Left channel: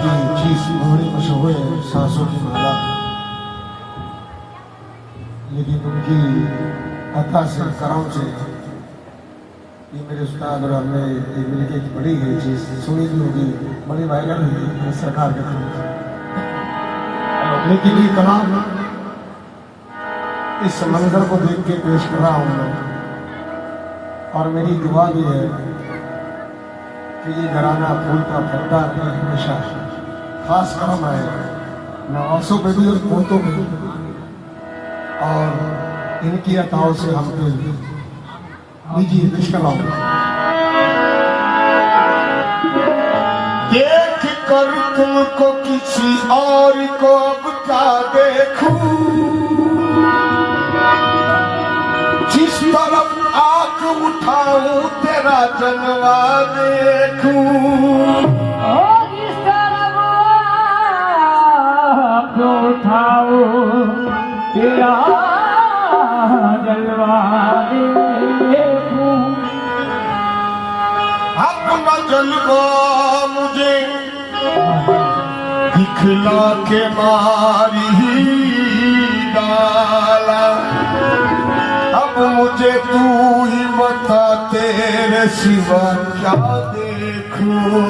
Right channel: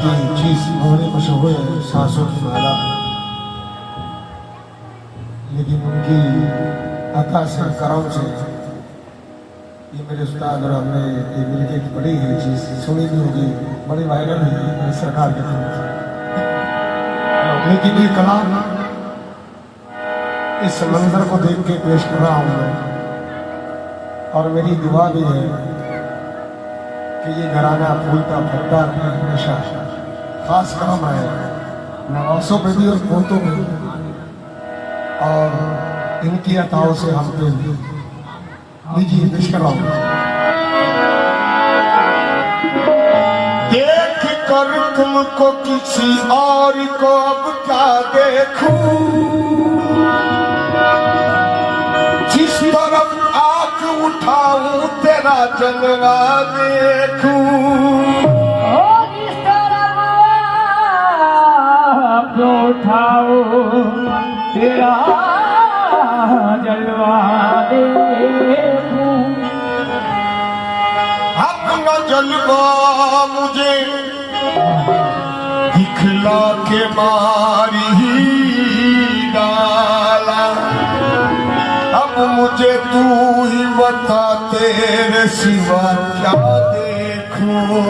की चीज घोड़ी कुछ हुए सांसों की माला, लेकिन उनकी अता से करम से ये मेरे उस्ताद और हमने ये मिलके एक बड़ी ही चीज सुनी भी होगी, बड़ी वायरल हुई सरकार के थ्रू। लेकिन ये कलाम इस मंजर को देख के पेश कर रहा हूं मैं, और मेरी दुआ भी है कि ये घराना फूलता फलता हमेशा खास काम आए नवासों पे भी और पोतों पे भी, और इनकी अताओं से हम पे भी। लीजिए पेश कर रहा हूं। देख कर तुमको किसी और को अब क्या देखूं, जिस तरफ आंख उठाऊं तेरा जलवा देखूं, जिस तरफ आंख उठाऊं तेरा जलवा देखूं। अपना जलवा मुझे दिखला के मारी डाला, अब मुझे तू ही बता तेरे सिवा क्या देखूं।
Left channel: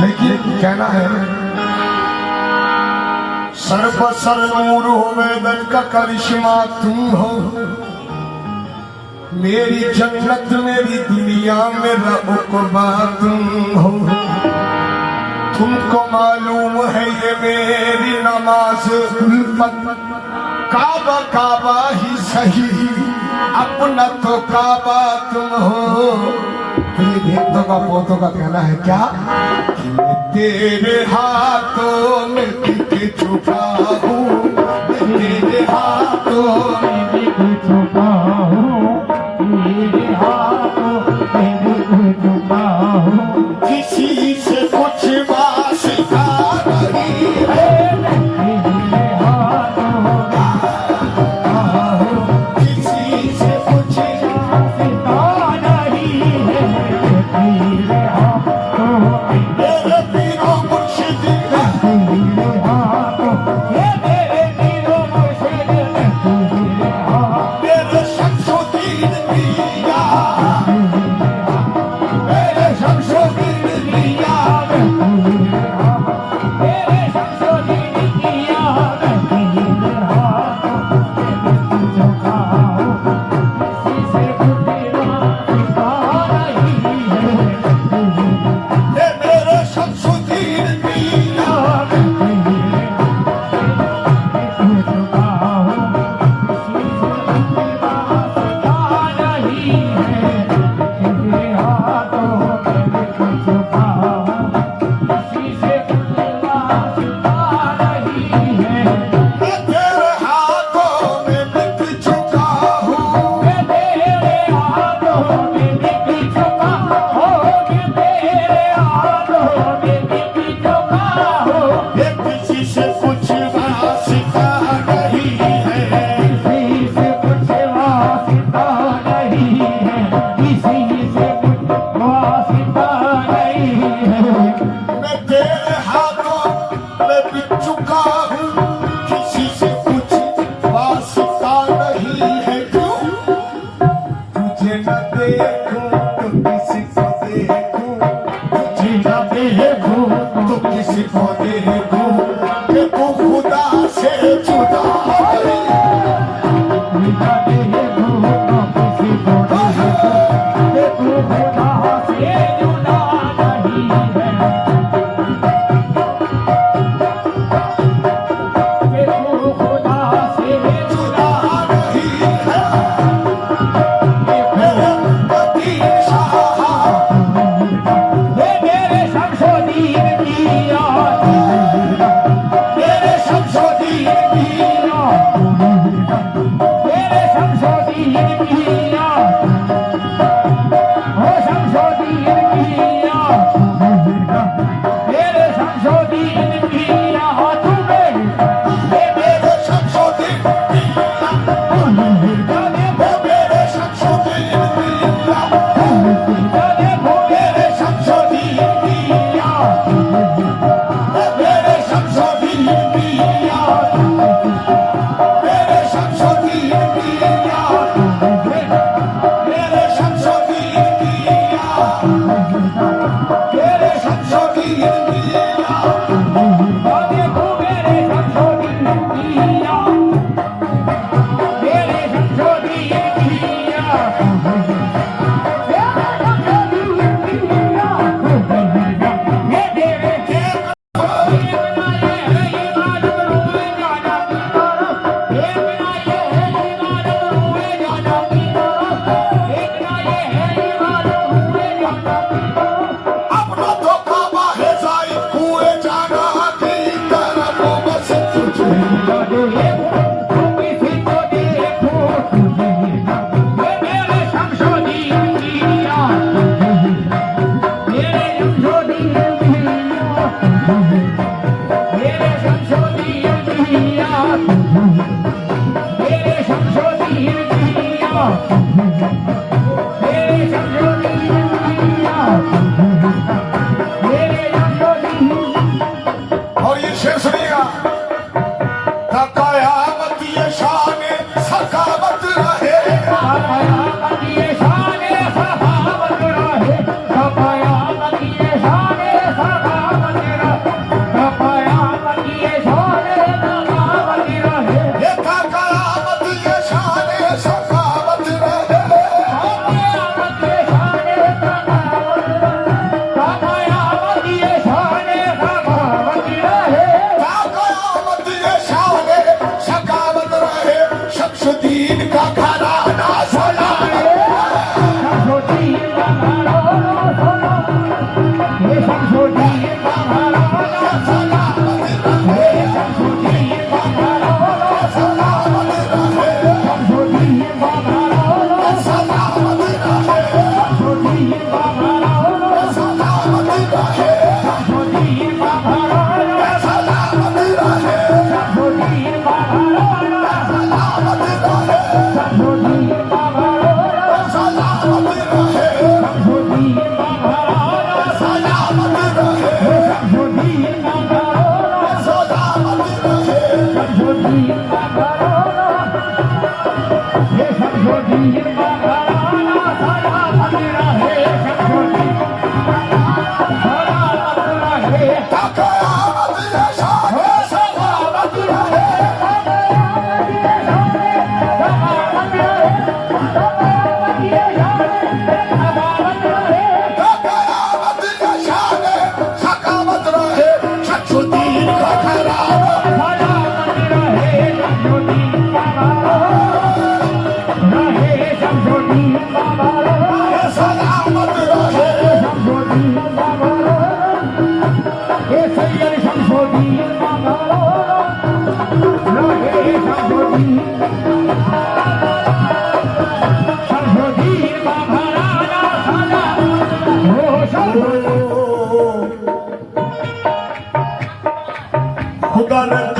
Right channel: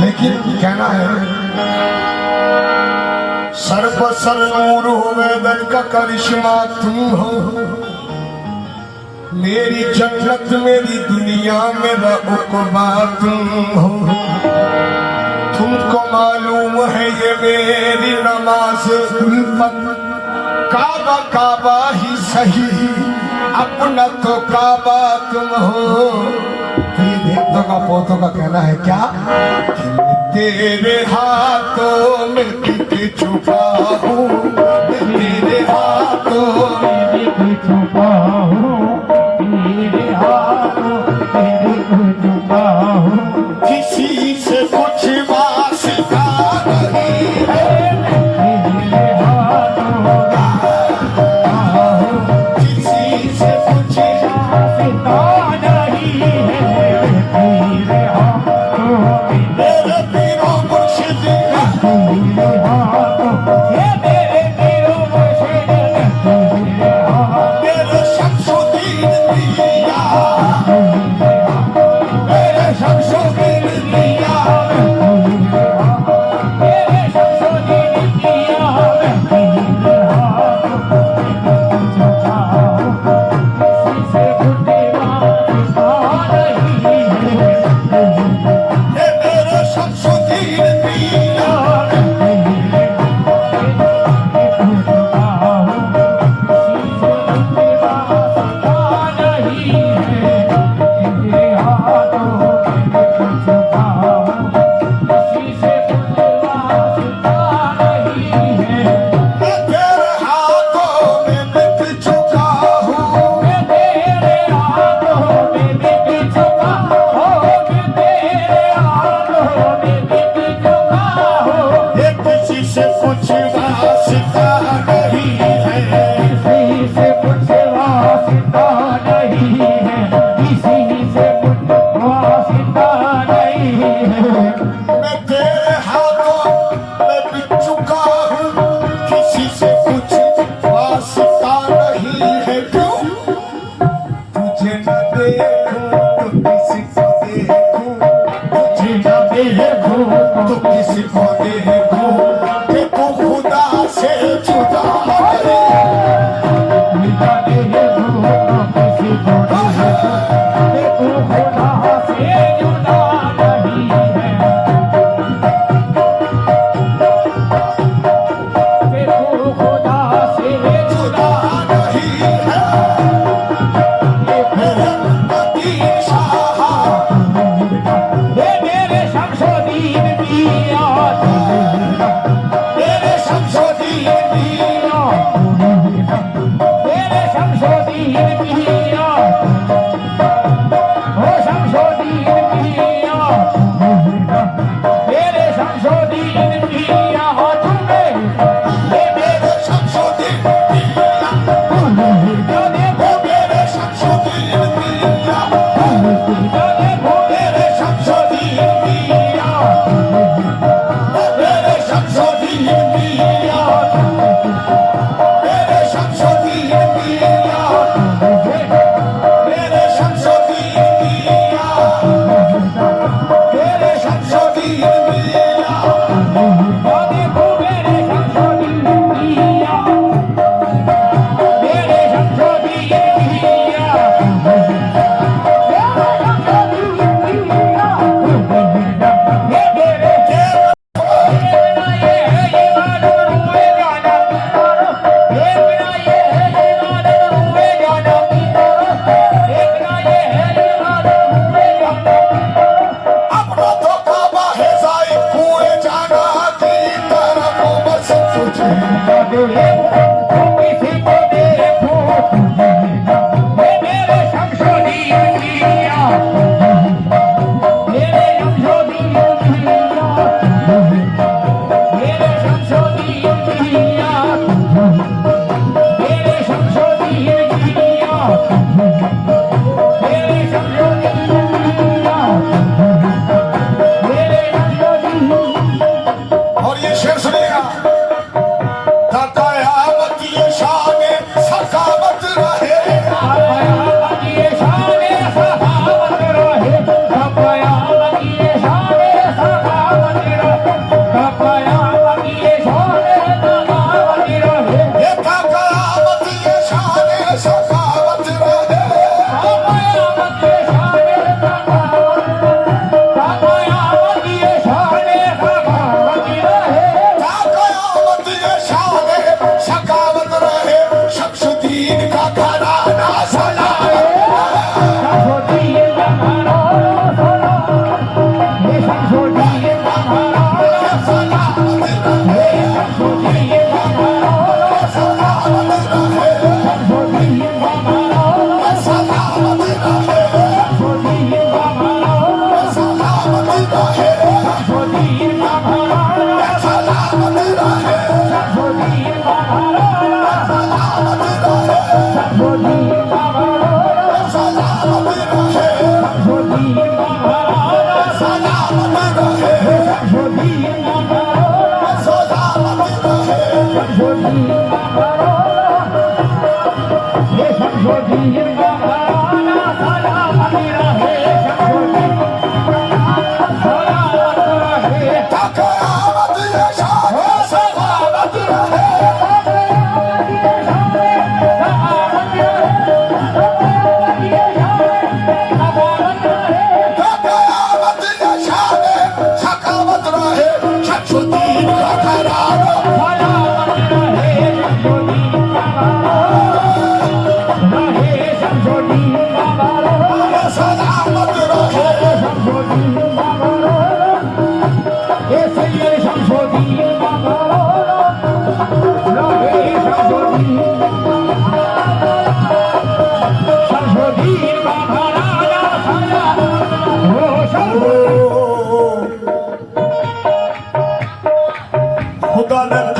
लेकिन कहना है सर्वसर नूर हो वेदन का करिश्मा तुम हो, मेरी जन्नत मेरी दुनिया मेरा उक़बा तुम हो। तुमको मालूम है ये मेरी नमाज उल्फत, काबा काबा ही सही अपना तो काबा तुम हो। तो ये देवतों का पोतों का कहना है क्या कि मैं तेरे हाथों में टिक चुका हूँ, तेरे हाथों में छुपा हूँ, तेरे हाथों में छुपा हूँ। किसी से कुछ वास्ता नहीं है, तेरे हाथों किसी से कुछ वास्ता नहीं है, तेरे हाथों मेरे पीरो मुर्शिद तेरे हाथों ये मेरे दिलों में शेर तेरे हाथों मेरे शमसुद्दीन पिया, मेरे शमसुद्दीन पिया, मेरे शमसुद्दीन किया तेरे हाथों झुका किसी से घुटे वास्ता नहीं है, ये मेरे शमसुद्दीन पिया, मैं तेरे हाथों में बिक चुका हूँ, ये किसी से कुछ वास्ता नहीं है, मैं तेरे हाथों में बिक चुका हूँ, किसी से कुछ वास्ता नहीं है। क्यों तुझे न देखूं तो किसी को देखूं, तुझे न देखूं तो किसी को देखूं, कि तू खुदा से जुदा है। मेरे शमशेर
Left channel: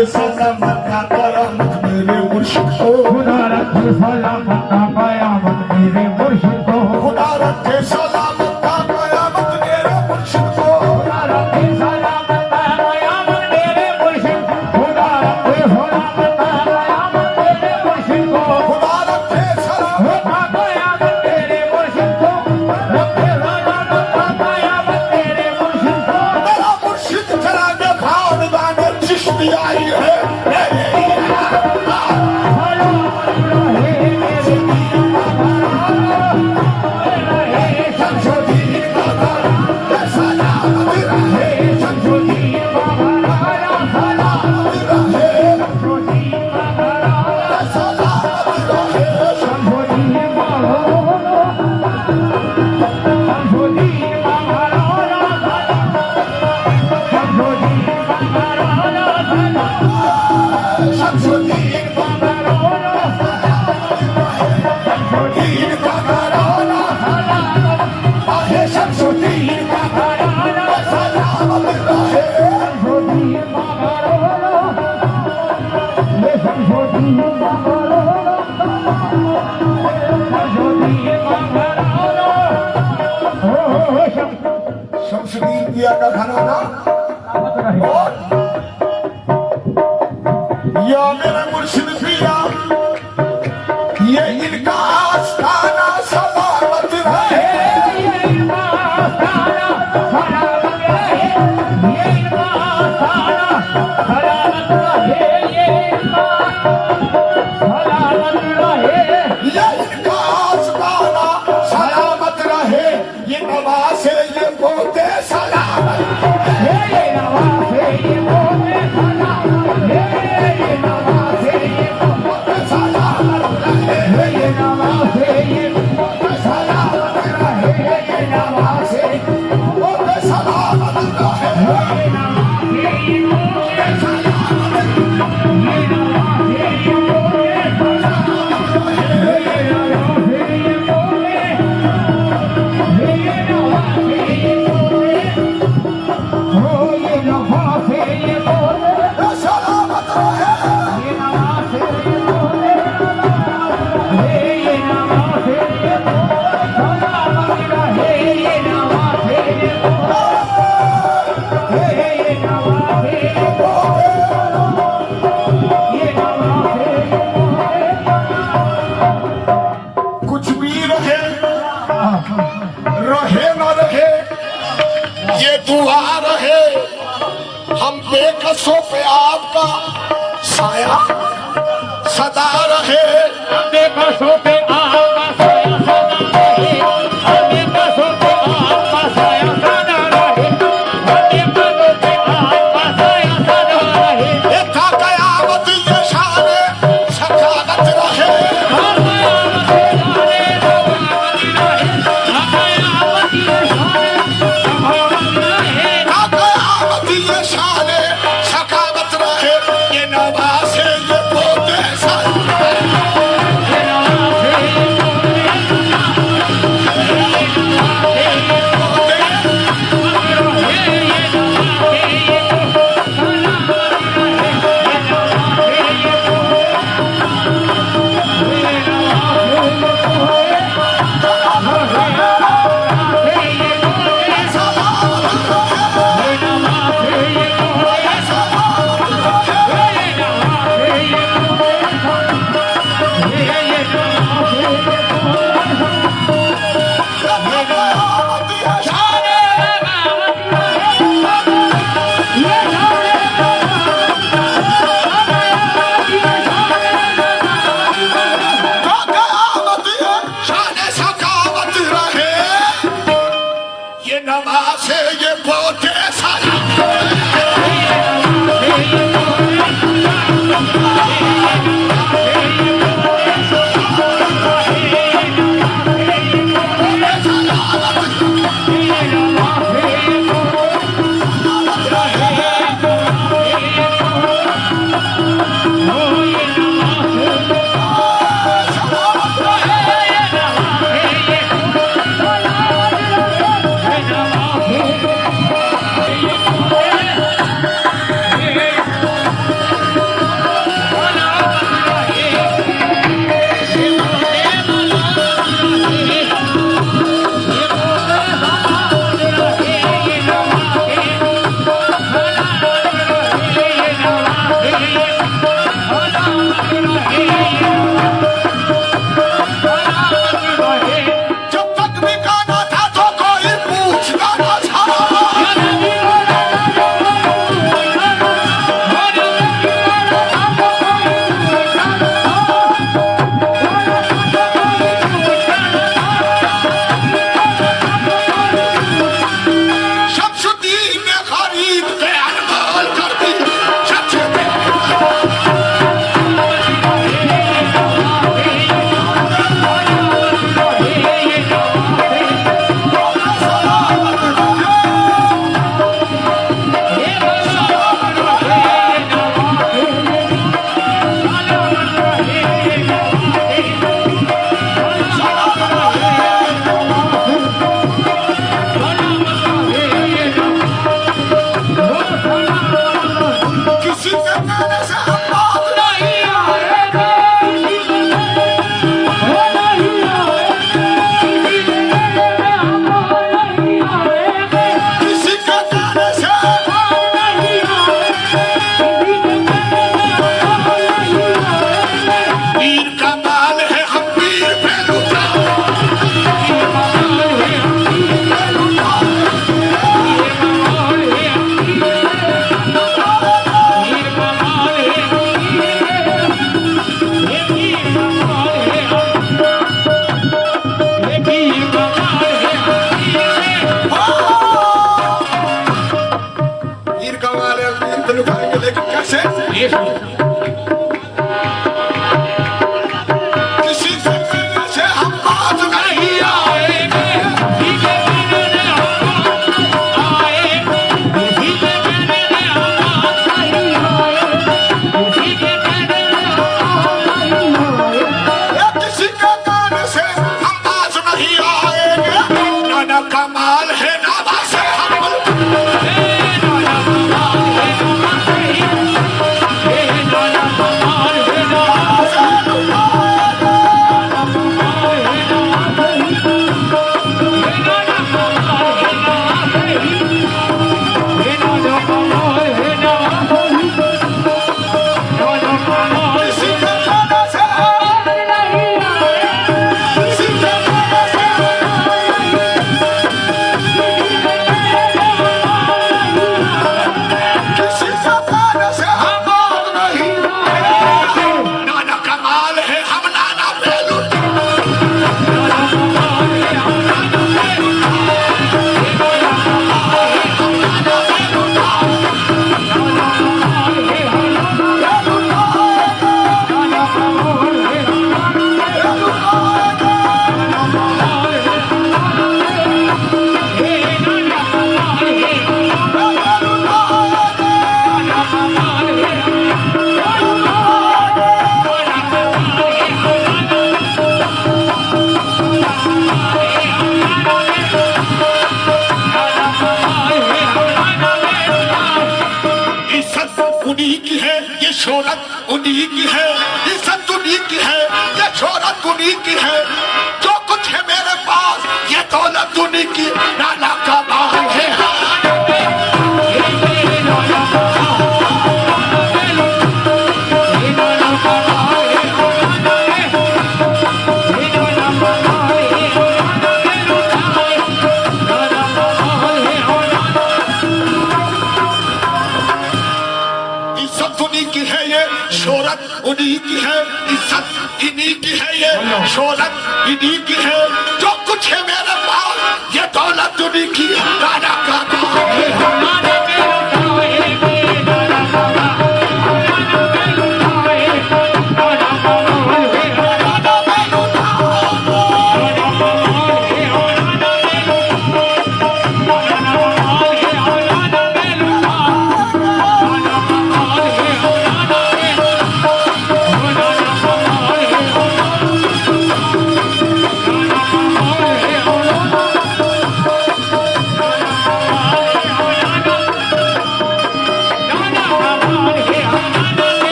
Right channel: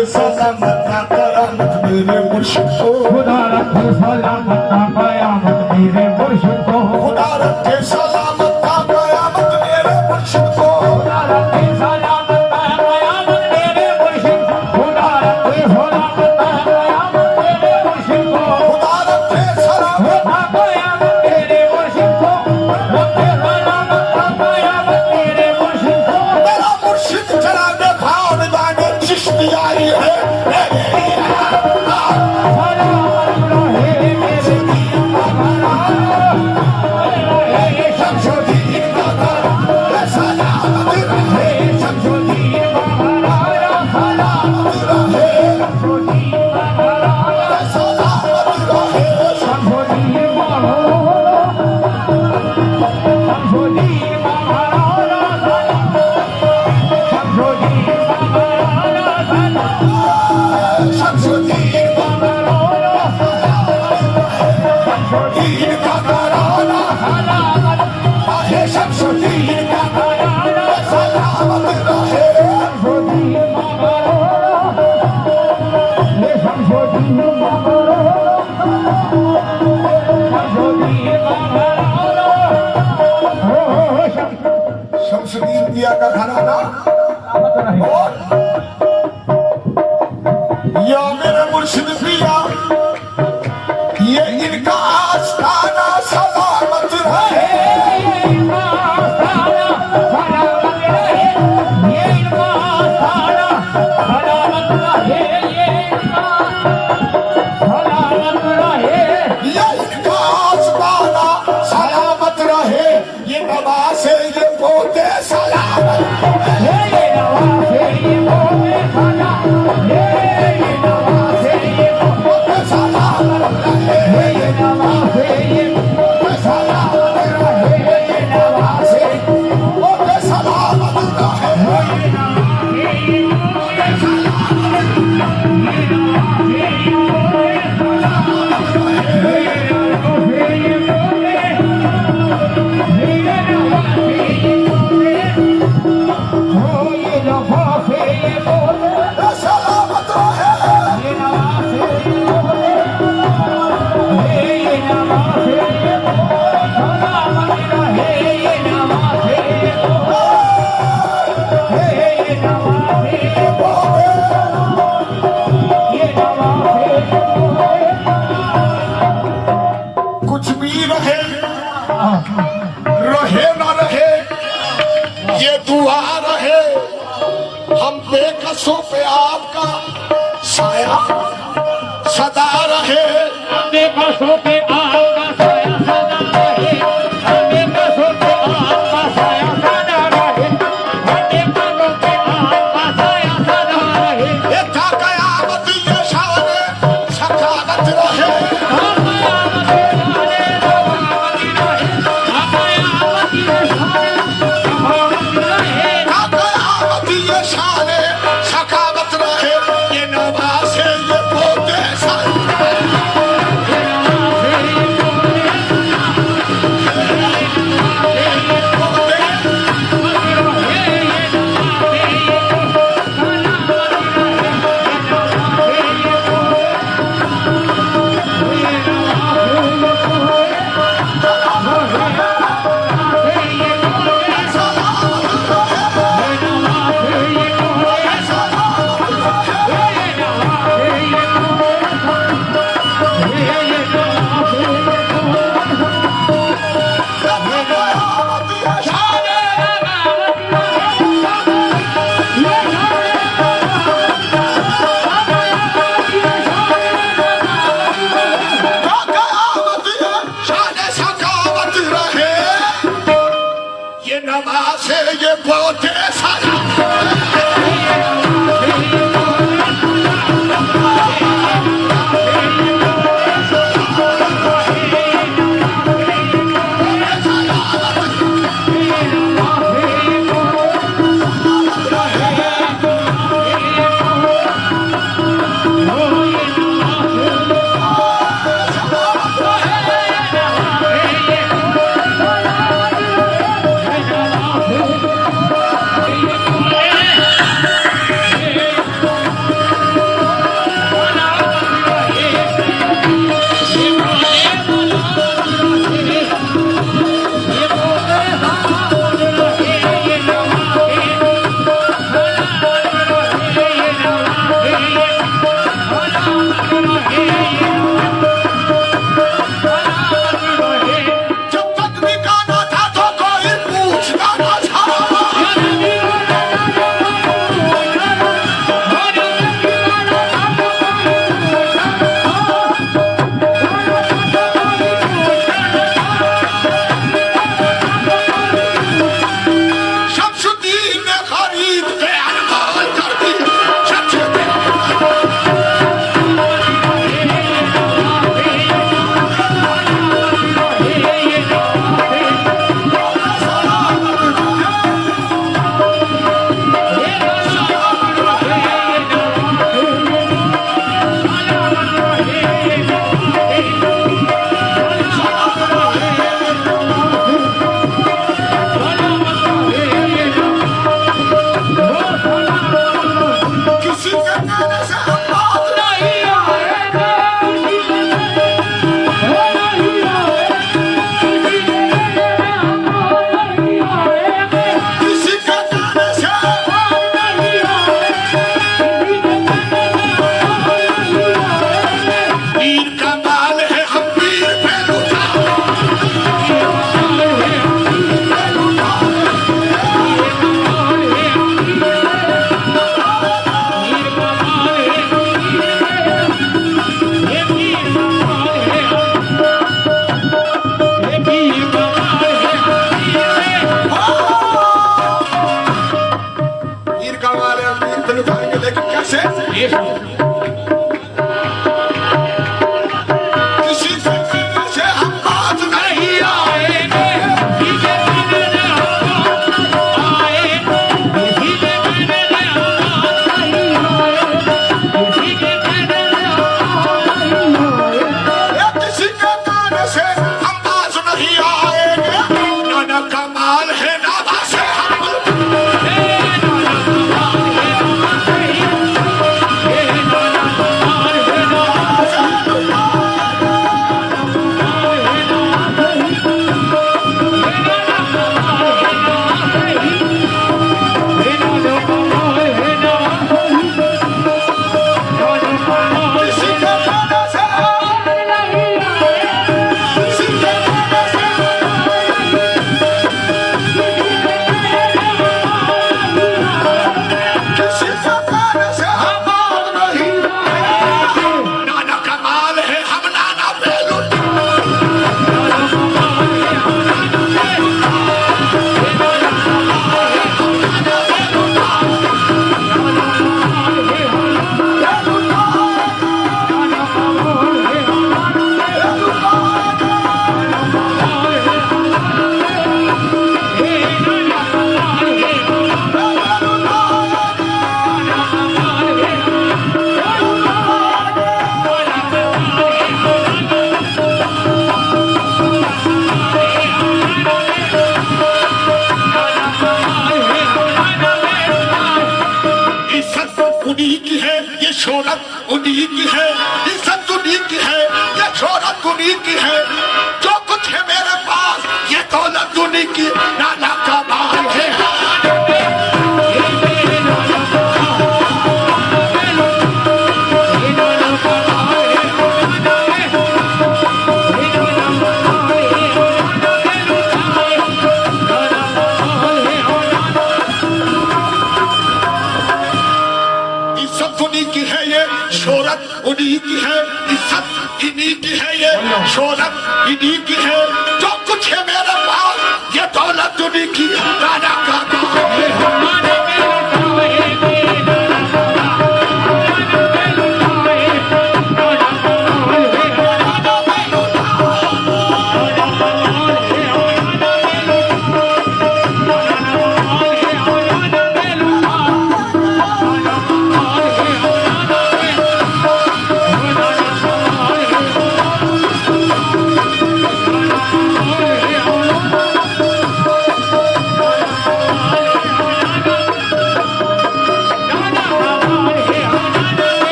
रखे सलामत का बरामद मेरे मुर्शिद को खुदा रखे सलामत का कयामत मेरे मुर्शिद को खुदा रखे सलामत का बरामद मेरे मुर्शिद को खुदा रखे सलामत का कयामत मेरे मुर्शिद को खुदा रखे सलामत का कयामत मेरे मुर्शिद को खुदा रखे सलामत का कयामत मेरे मुर्शिद को रखे सलामत का कयामत मेरे मुर्शिद को मेरा मुर्शिद जरा दिखाओ निभाने चिश्ती आई है शमशुद्दीन दिया का घराना या मेरा मुर्शिद पिया ये इनका आस्थाना सलामत रहे ये इनका आस्थाना सलामत रहे ये नवासे ये पोते सलामत कुछ भी रहे रहे न रहे ये दुआ रहे हम बेकसों पे आपका साया सदा रहे हमें बसों पे आगा साया सदा रहे हमें बसों पे आगा साया सदा रहे हमें बसों पे आगा साया सदा रहे देखा कयामत ये शाने सकालत रहे कयामत ये शाने सकालत रहे ये नवासे ये पोते नमाज़े ये पोते ये सुनो किसी से हम बात नहीं आएंगे किसी के गाने से हम बात नहीं आएंगे नाना कमाल है नाना से उन्हीं की है ये शोहरत उन्हीं की है इज्जत उन्हीं की है ये शोहरत उन्हीं की है जो कुछ है मेरे पास ये दौलत उन्हीं की नाना का माल है शोहरत उन्हीं की है इज्जत इन्हीं की है ये शोहरत इन्हीं की है जो कुछ है मेरे पास ये दौलत उन्हीं की राजा का काम है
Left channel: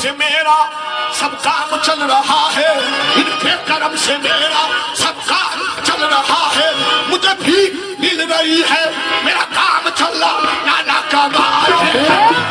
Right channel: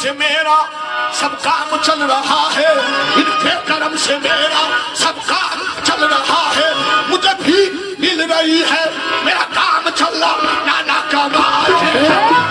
से मेरा सब काम चल रहा है इनके कर्म से मेरा सब काम चल रहा है मुझे भी मिल रही है मेरा काम चल रहा नाना का बात है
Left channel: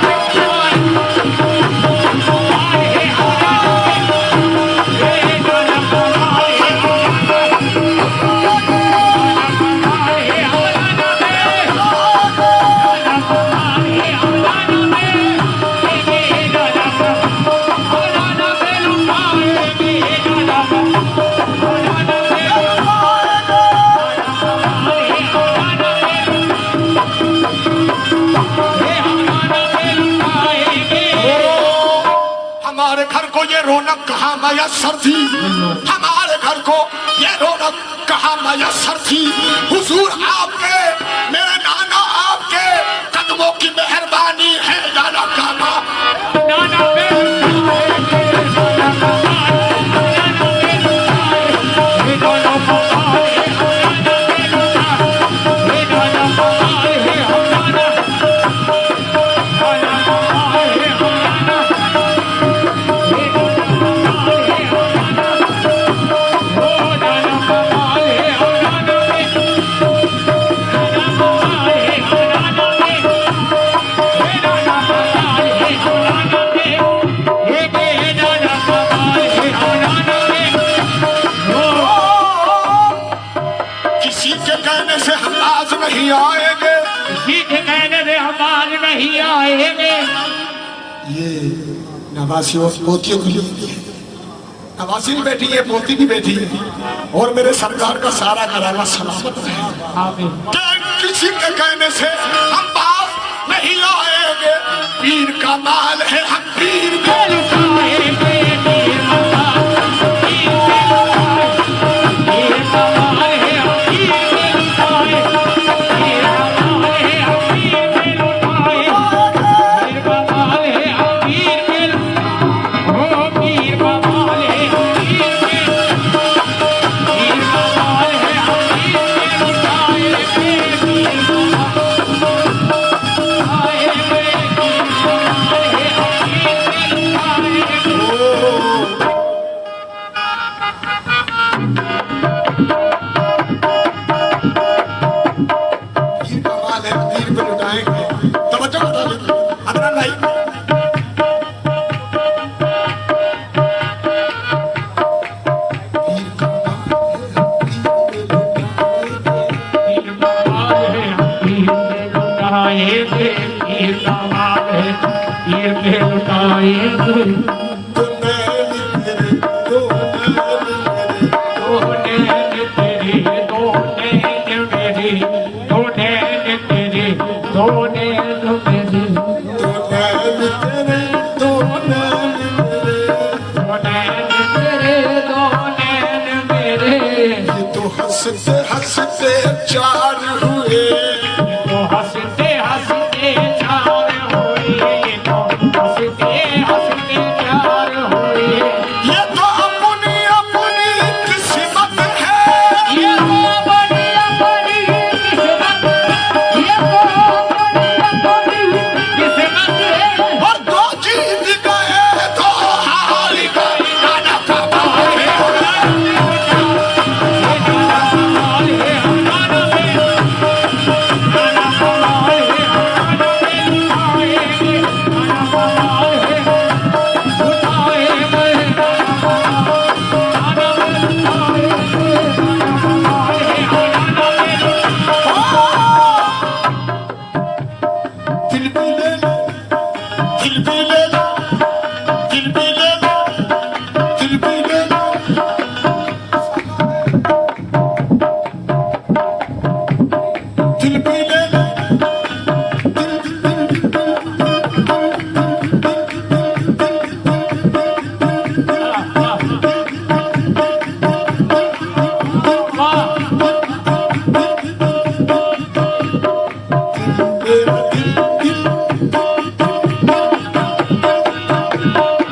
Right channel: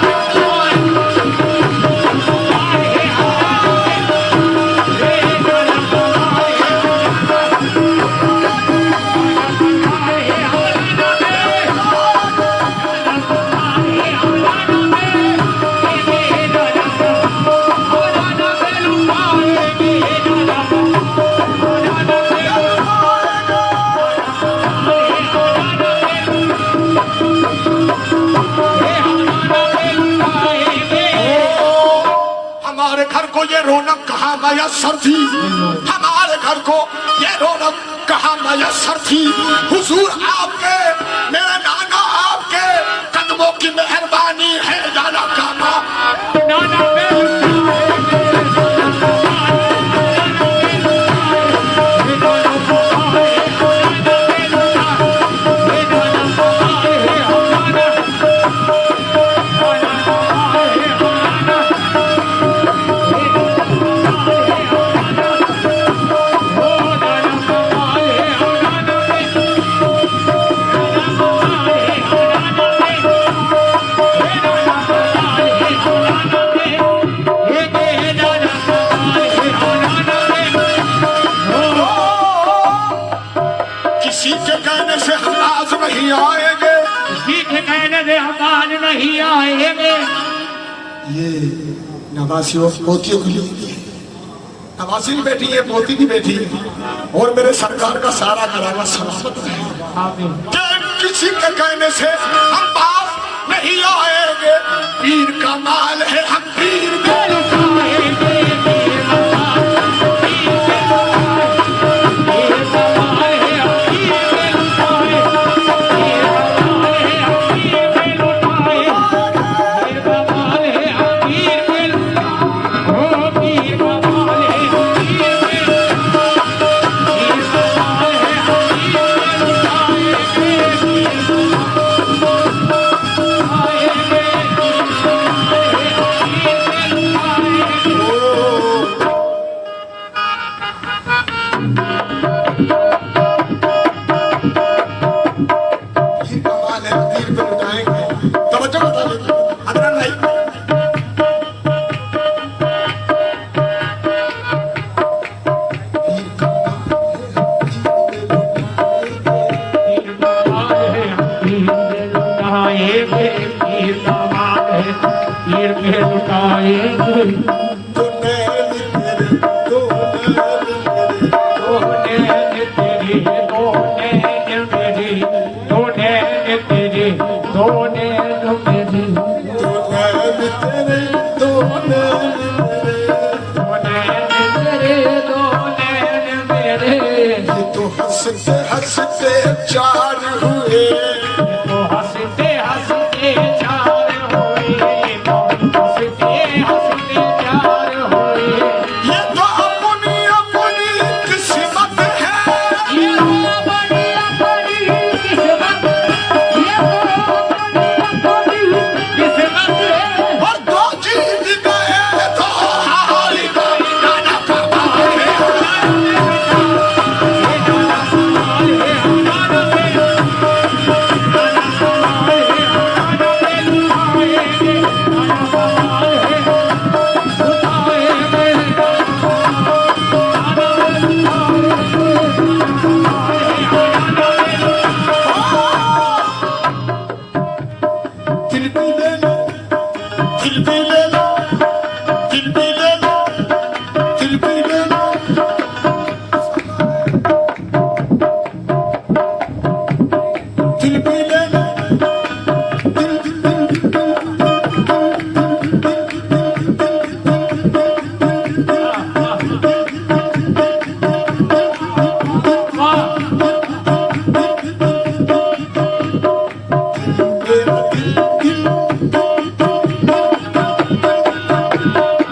ये रौनक कहाँ मयसर थी हमारे घर को ये रौनक कहाँ मयसर थी हुजूर आपके मेरे नाना आपके कदमों की मेहरबानी है नाना काका किसी के कहने से हम आज नहीं आएंगे किसी के कहने से हम आज नहीं आएंगे ये नवासी और पोतियों को लेती है नवासी भी बैठी है पोती भी बैठी है और मेरे सरकार का सारा घराना समाप्त है किसी के कहने से हम बात नहीं आएंगे, पीर का माल है हम पीर के लुटाएंगे पीर का माल है पीर के लुटाए पीर का माल है पीर के लुटाए ओ पीर का माल है पीर के पीर का माल है पीर के पीर का माल है पीर को लुटाएंगे। तवज्जो बता दो अदरा नहीं पीर का ये तो हंसते हंसते चार हुए, हंसते हंसते चार हुए हंसते हंसते चार हुए ये तो अपनी अपनी किस्मत है। ये बड़ी बड़ी किस्मत ये बड़ी किस्मत है और दो जीत गए तो हार गए। दिल भी ले लो, दिल भी ले लो, दिल भी ले लो, दिल भी ले लो। दिल भी ले लो,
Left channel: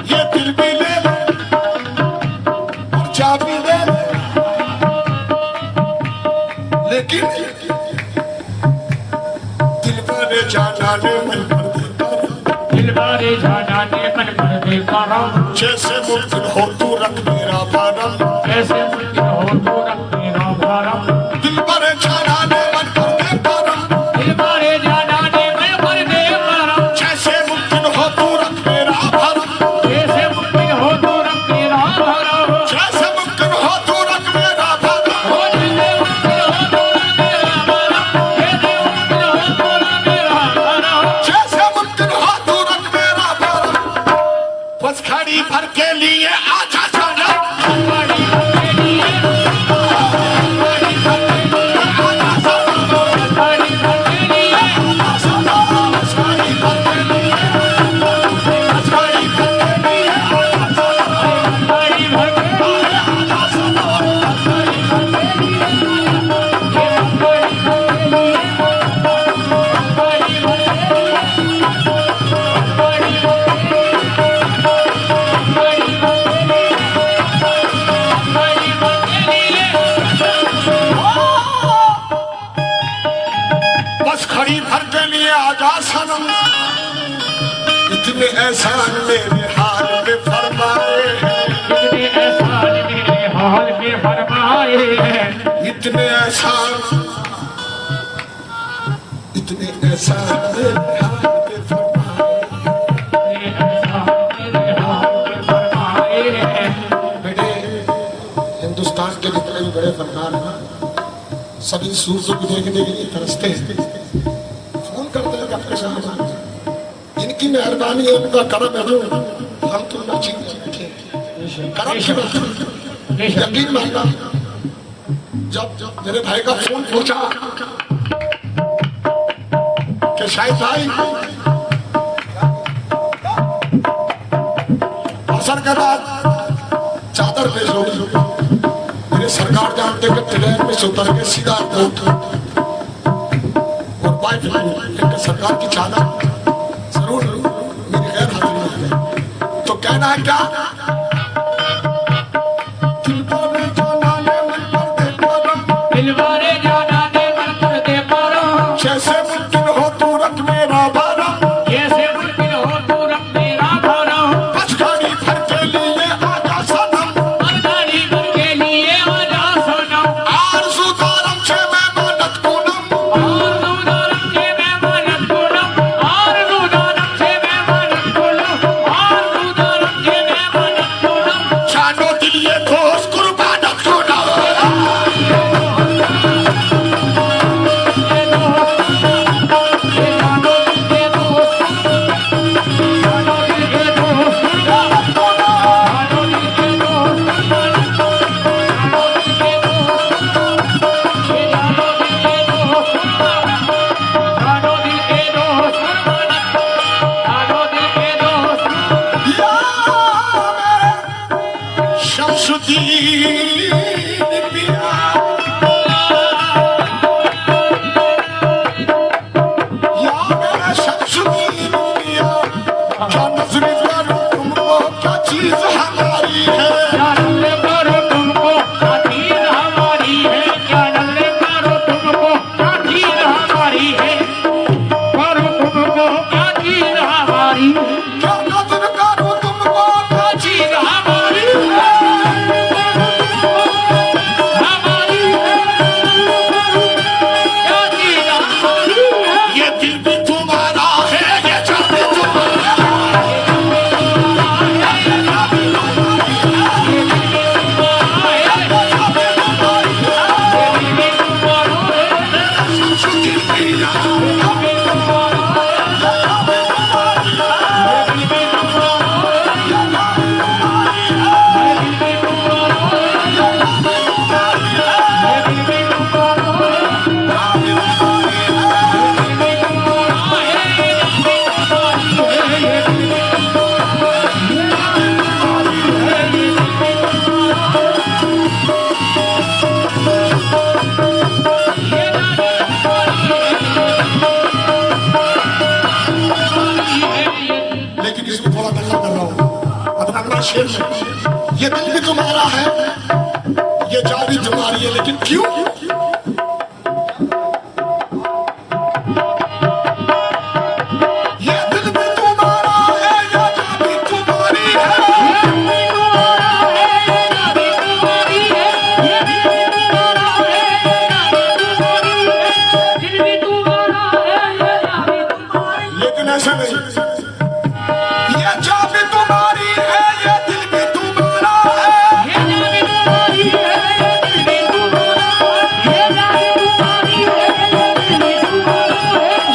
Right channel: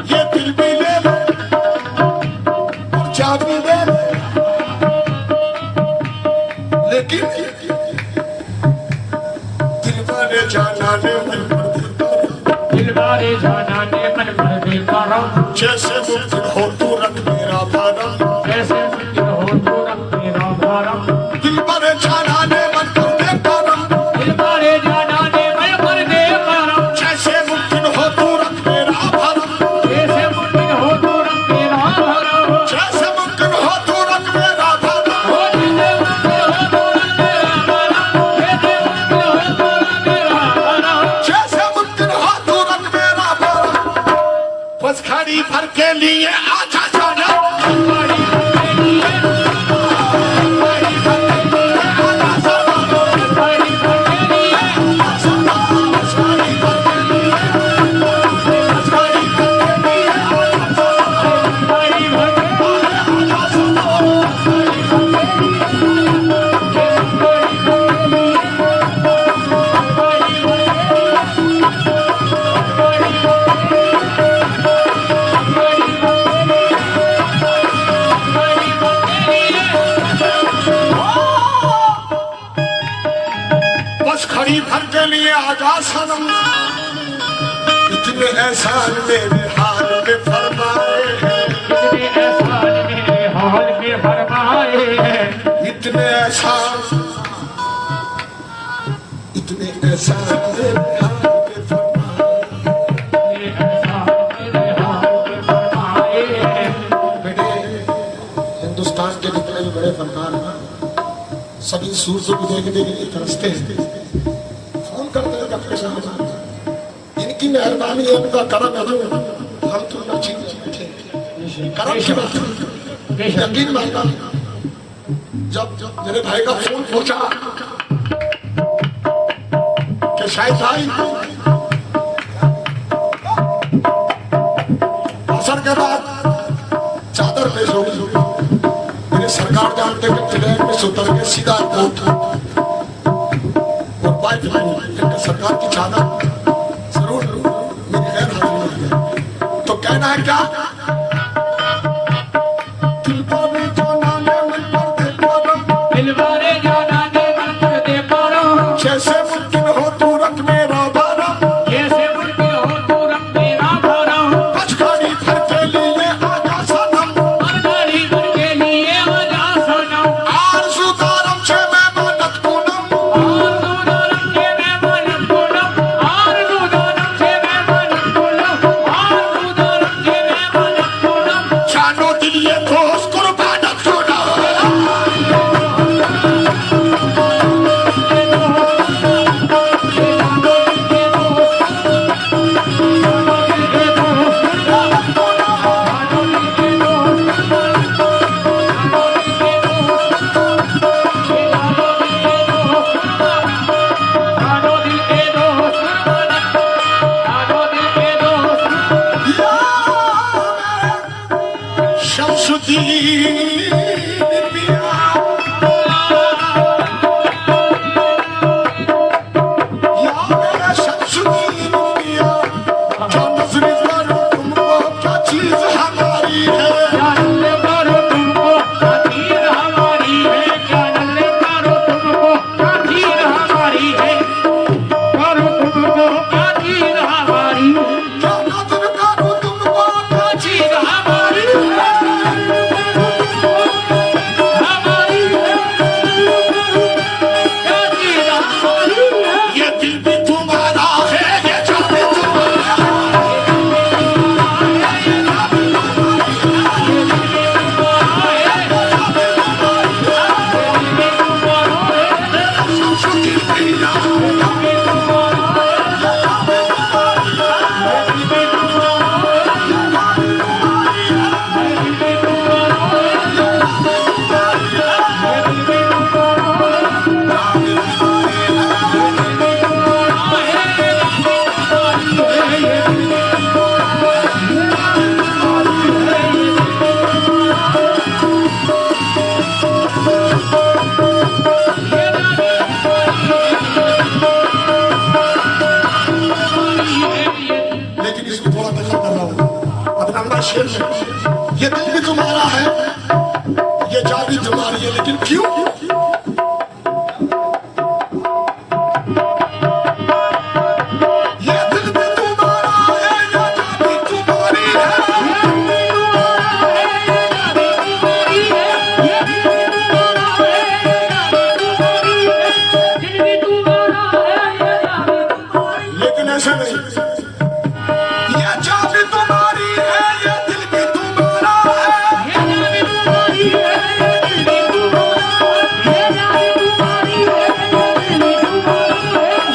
ये दिल भी ले लो और चाबी दे लो। लेकिन दिल वाले जाना ने मन पर दिलवारे जाना ने मन पर बेपरम जैसे मुमकिन हो तू रख मेरा भारम। जैसे मुझे हो तो रख मेरा भरम दिल वाले जाना ने मन पर बेपरम दिलवारे जाना ने मन पर बेपरम जैसे मुमकिन हो तू रख मेरा भारम। जैसे मुझे हो तो रख मेरा भरम जैसे मुमकिन हो तू रख मेरा भारम। हो जैसे मुझे हो तो रख मेरा भरम जैसे मुझे हो तो रख मेरा भरम जैसे मुमकिन हो तू रख मेरा भारम। बस खड़ी भर के लिए आजा जाना बड़ी बड़ी बस खड़ी भर के लिए आजा सनम। इतने एहसान मेरे हाल में फरमाए हैं, इतने एहसान मेरे हाल में फरमाए हैं इतने एहसान, इतने एहसान मेरे हाल में फरमाए। बेटे हिंदुस्तान के जितने भी बड़े फनकार हैं सभी सूरज को देखने के लिए तरसते हैं, फोन करते हैं अपने सामने। इनकी मेहरबानी है, उनका करम है जो हम तुम चीज उठे करम की बात है। यकीन मानना जब मेरे भाई का फोन पहुंचा कि शायद भाई असर के बाद चादर पेश होगी। मेरे सरकार जानते कि ट्रेन में से उतर के सीधा कोर्ट और बाइक लेकर सरकार की चादर जरूर मेरी गैर हाजिरी में। तो कहना है क्या? दिलवारे जाना दे मन पर दे पारा जैसे मुमकिन हो तू रख मेरा बारा, जैसे मुमकिन हो तू रख मेरा भारा कचकारी भर के लिए आजा सनम, मरदारी भर के लिए आजा सनम आरज़ू दारम से मैं मानत पूनम, आरज़ू दारम से मैं मानत पूनम, आरज़ू दारम से मैं मानत पूनम, आरज़ू दारम से मैं मानत पूनम जानो दिल ये ठोस कुर्बान छोड़ा। शमसुद्दीन पिया या मेरा शमसुद्दीन पिया, क्या नजरे मारो तुमको क्या चीज हमारी है, क्या नल्ले मारो तुमको क्या चीज हमारी है, क्या नल्ले मारो तुमको क्या चीज हमारी है, मारो तुमको क्या चीज हमारी है, क्या नजर करो तुमको क्या चीज हमारी है, हमारी है, क्या चीज हमारी है, ये दिल भी तुम्हारा है, ये जान भी तुम्हारा है। लेकिन इसमें थोड़ा दखल कर रहा हूं अपना अगला शेर में। ये दिल भी तुम्हारा है, ये जान भी तुम्हारी है, लेकिन क्यों? ये दिल भी तुम्हारा है, ये जान भी तुम्हारी है, लेकिन ऐसे नहीं। ये जान भी तुम्हारी है, ये दिल भी तुम्हारा है,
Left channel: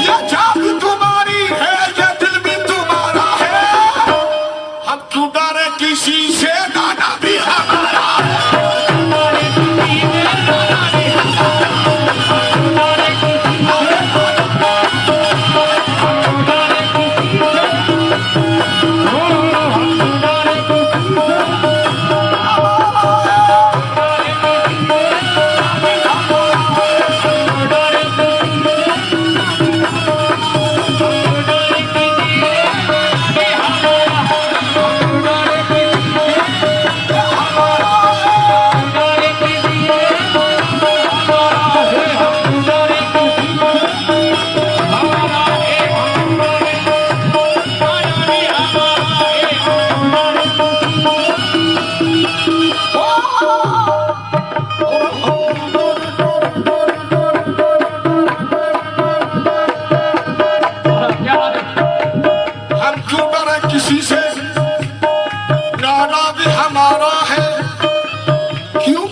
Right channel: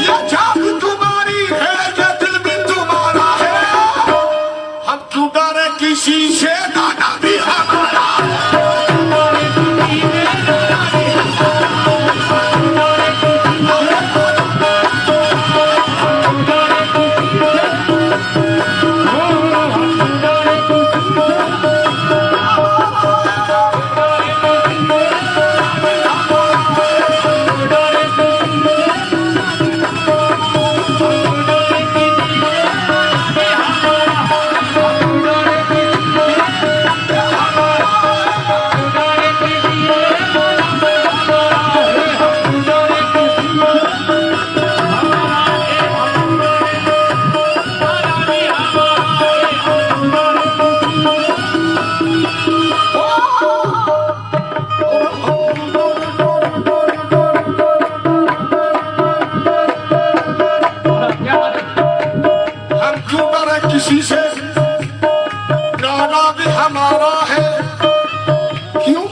ये जान भी तुम्हारी है, ये दिल भी तुम्हारा है। हम क्यों डरे किसी से, गाना भी हमारा है। हम क्यों डरे किसी से, गाना भी हमारा है। क्यों?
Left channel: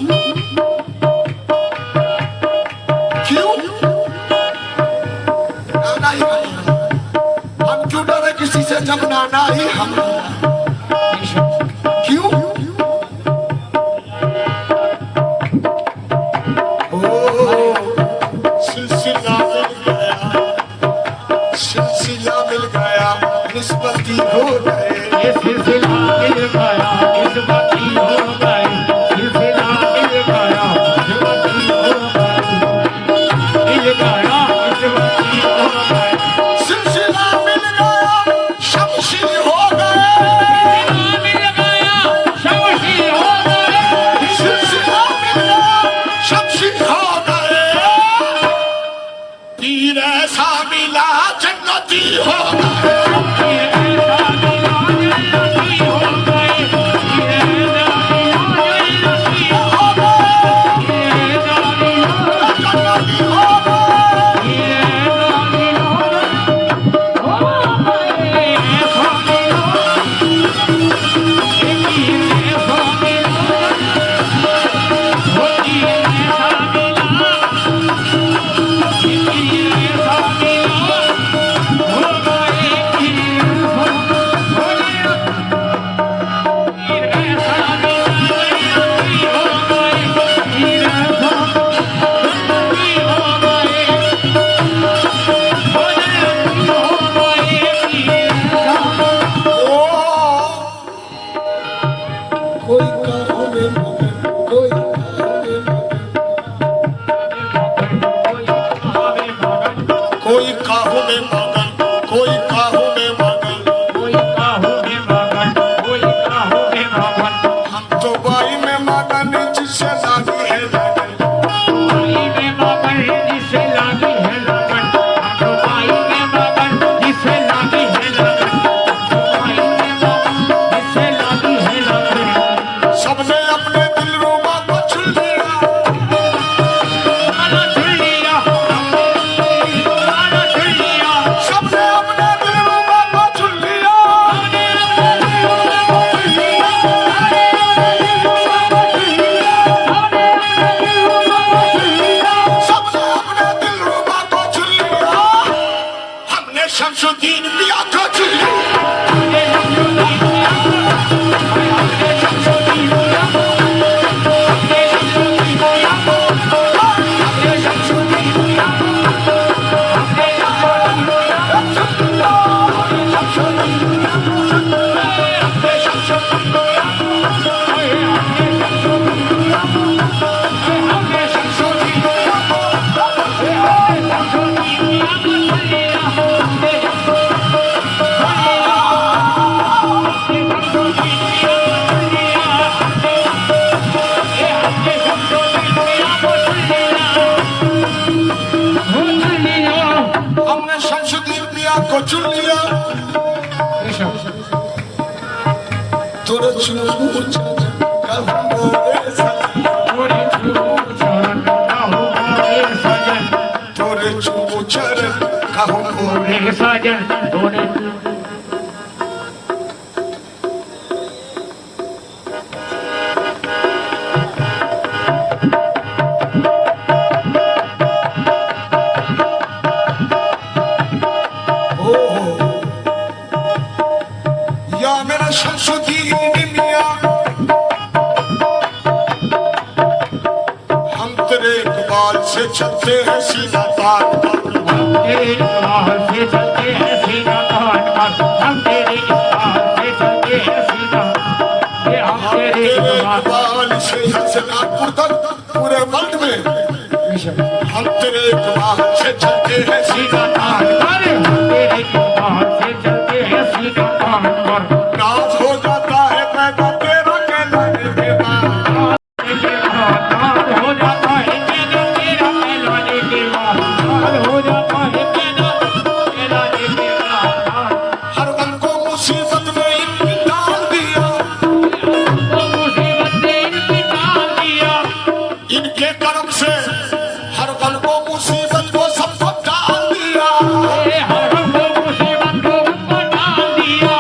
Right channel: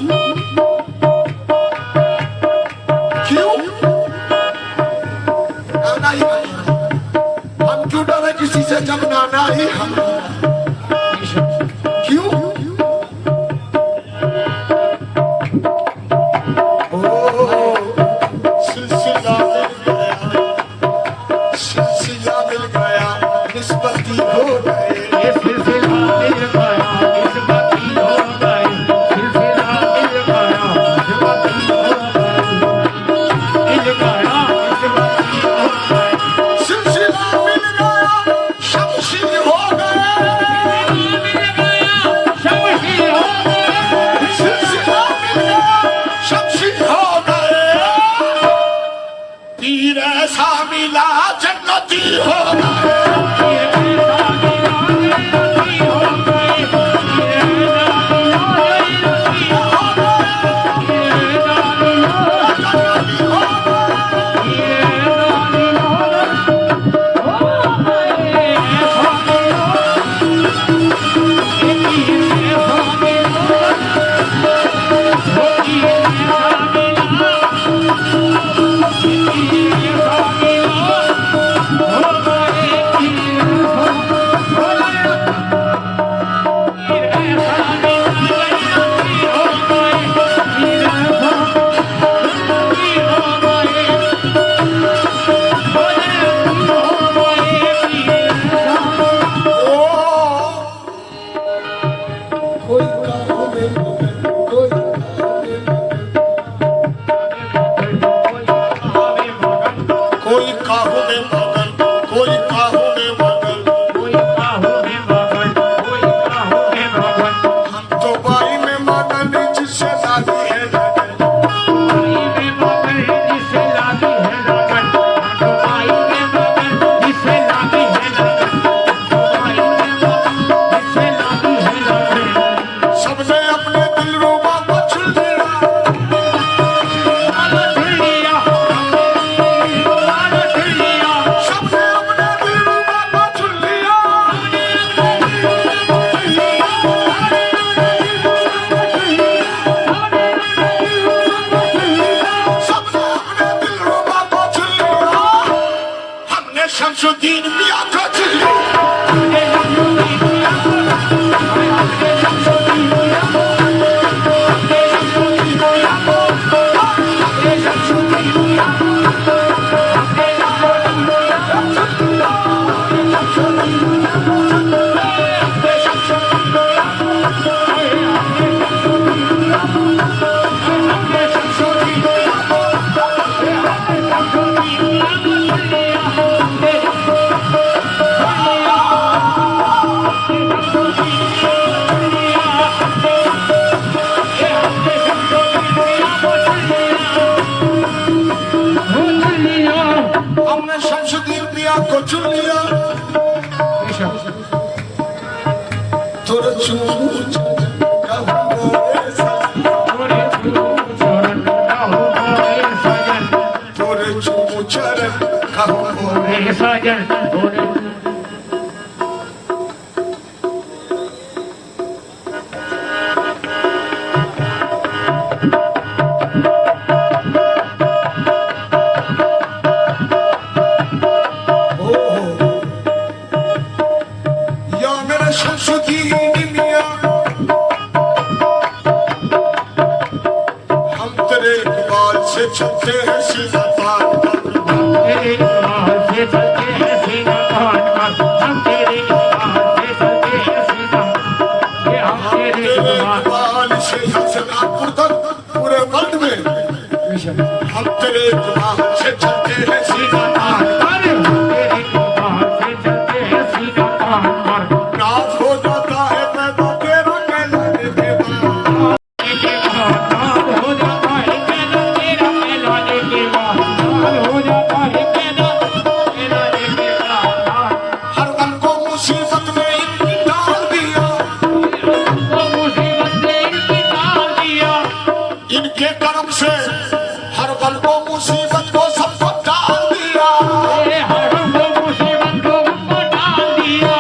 क्यों? गाना ही हमारा। हम क्यों डरे किसी से जब गाना ही हमारा। क्यों? ओ सिलसिला मिल गया निस्बती हो गए ये सिलसिला मिल गया निस्बती हो गए सिलसिला मिल गया निस्बती हो गए मिल गया निस्बती हो गए सिलसिला मिल गया शमशी हो गए मिल गया शमशी हो गए सिलसिला मिल गया शमशी हो गए पीर ऐसा मिला जन्नती हो गए कोई काहों में कोई कोई काहों में मगन कोई काहों में मगन हम तो बाई में मगन जिससे लागी है लगन सबने अपने दिलरुबा को चुन लिया सबने अपने दिलरुबा को चुन लिया सबने अपने दिलरुबा को चुन लिया हमने शमसुद्दीन मियां को चुन लिया हमने शमसुद्दीन मियां को चुन लिया तोरे चूमू तोरे चूमू चरण कहूँ मोरे साजन या मेरा शमसुद्दीन मियां हम तेरे इकबाल से चलते हैं सीधा तार तेरे इकबाल से चलते हैं सीधा तान का हम तेरे इकबाल से चलते हैं सीधा ये हम तेरे तेरे इकबाल इकबाल से हसनापुर तक पूरे वर्ल्ड में हम तेरे इकबाल से चलते हैं सीधा तार अरे हम तेरे इकबाल से चलते हैं सीधा तान पर नाज हो जाता है पैदा तेरा के लाने के बाद हो जाता है पैदा तेरा कहलाने के बाद हो जाता है पैदा कहलाने के बाद हर गम को मुसीबत में इनकी डाल दिया वो मुसीबत से इनकी डाल दिया इनके कर्म से हर गम को मुसीबत को सबको डाल दिया हर वो मुसीबत को हमको डाल दिया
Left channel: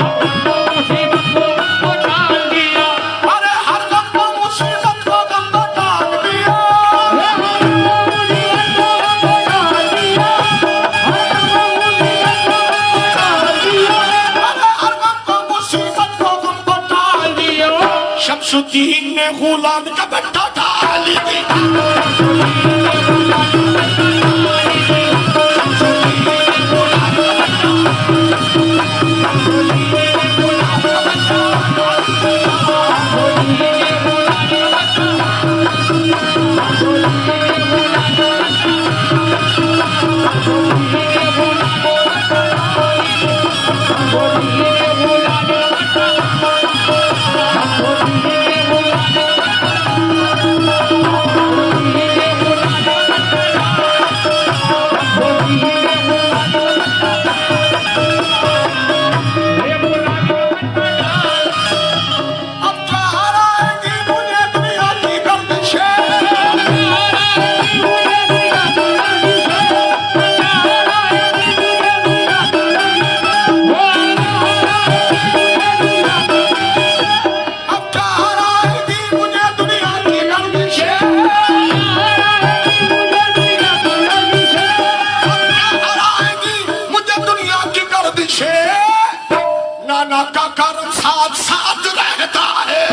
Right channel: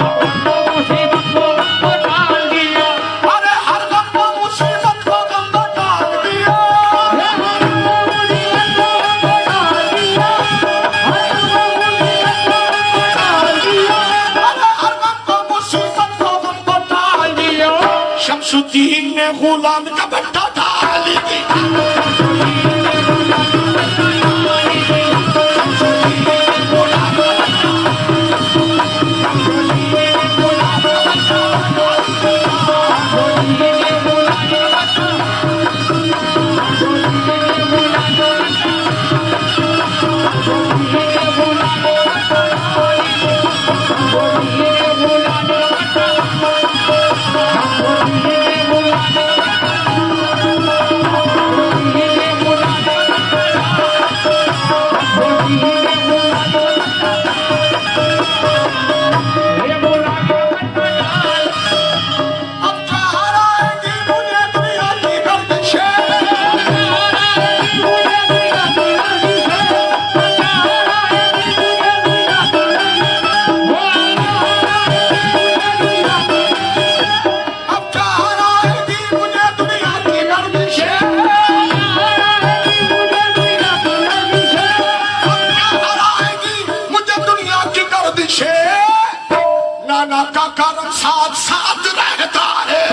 वो मुसीबत को हमको डाल दिया अरे हर गम को मुसीबत को गम डाल दिया शमसुद्दीन ने गुलाम का बट्टा डाल दिया से नाना का कर्म साथ साथ रहता है।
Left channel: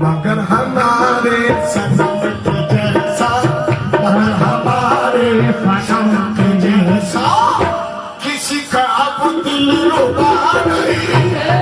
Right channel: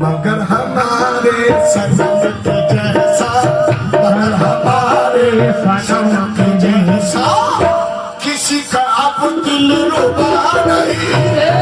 मगर हमारे सनम के जैसा, मगर हमारे सनम के जैसा किसी का अब दिल रुबा नहीं है।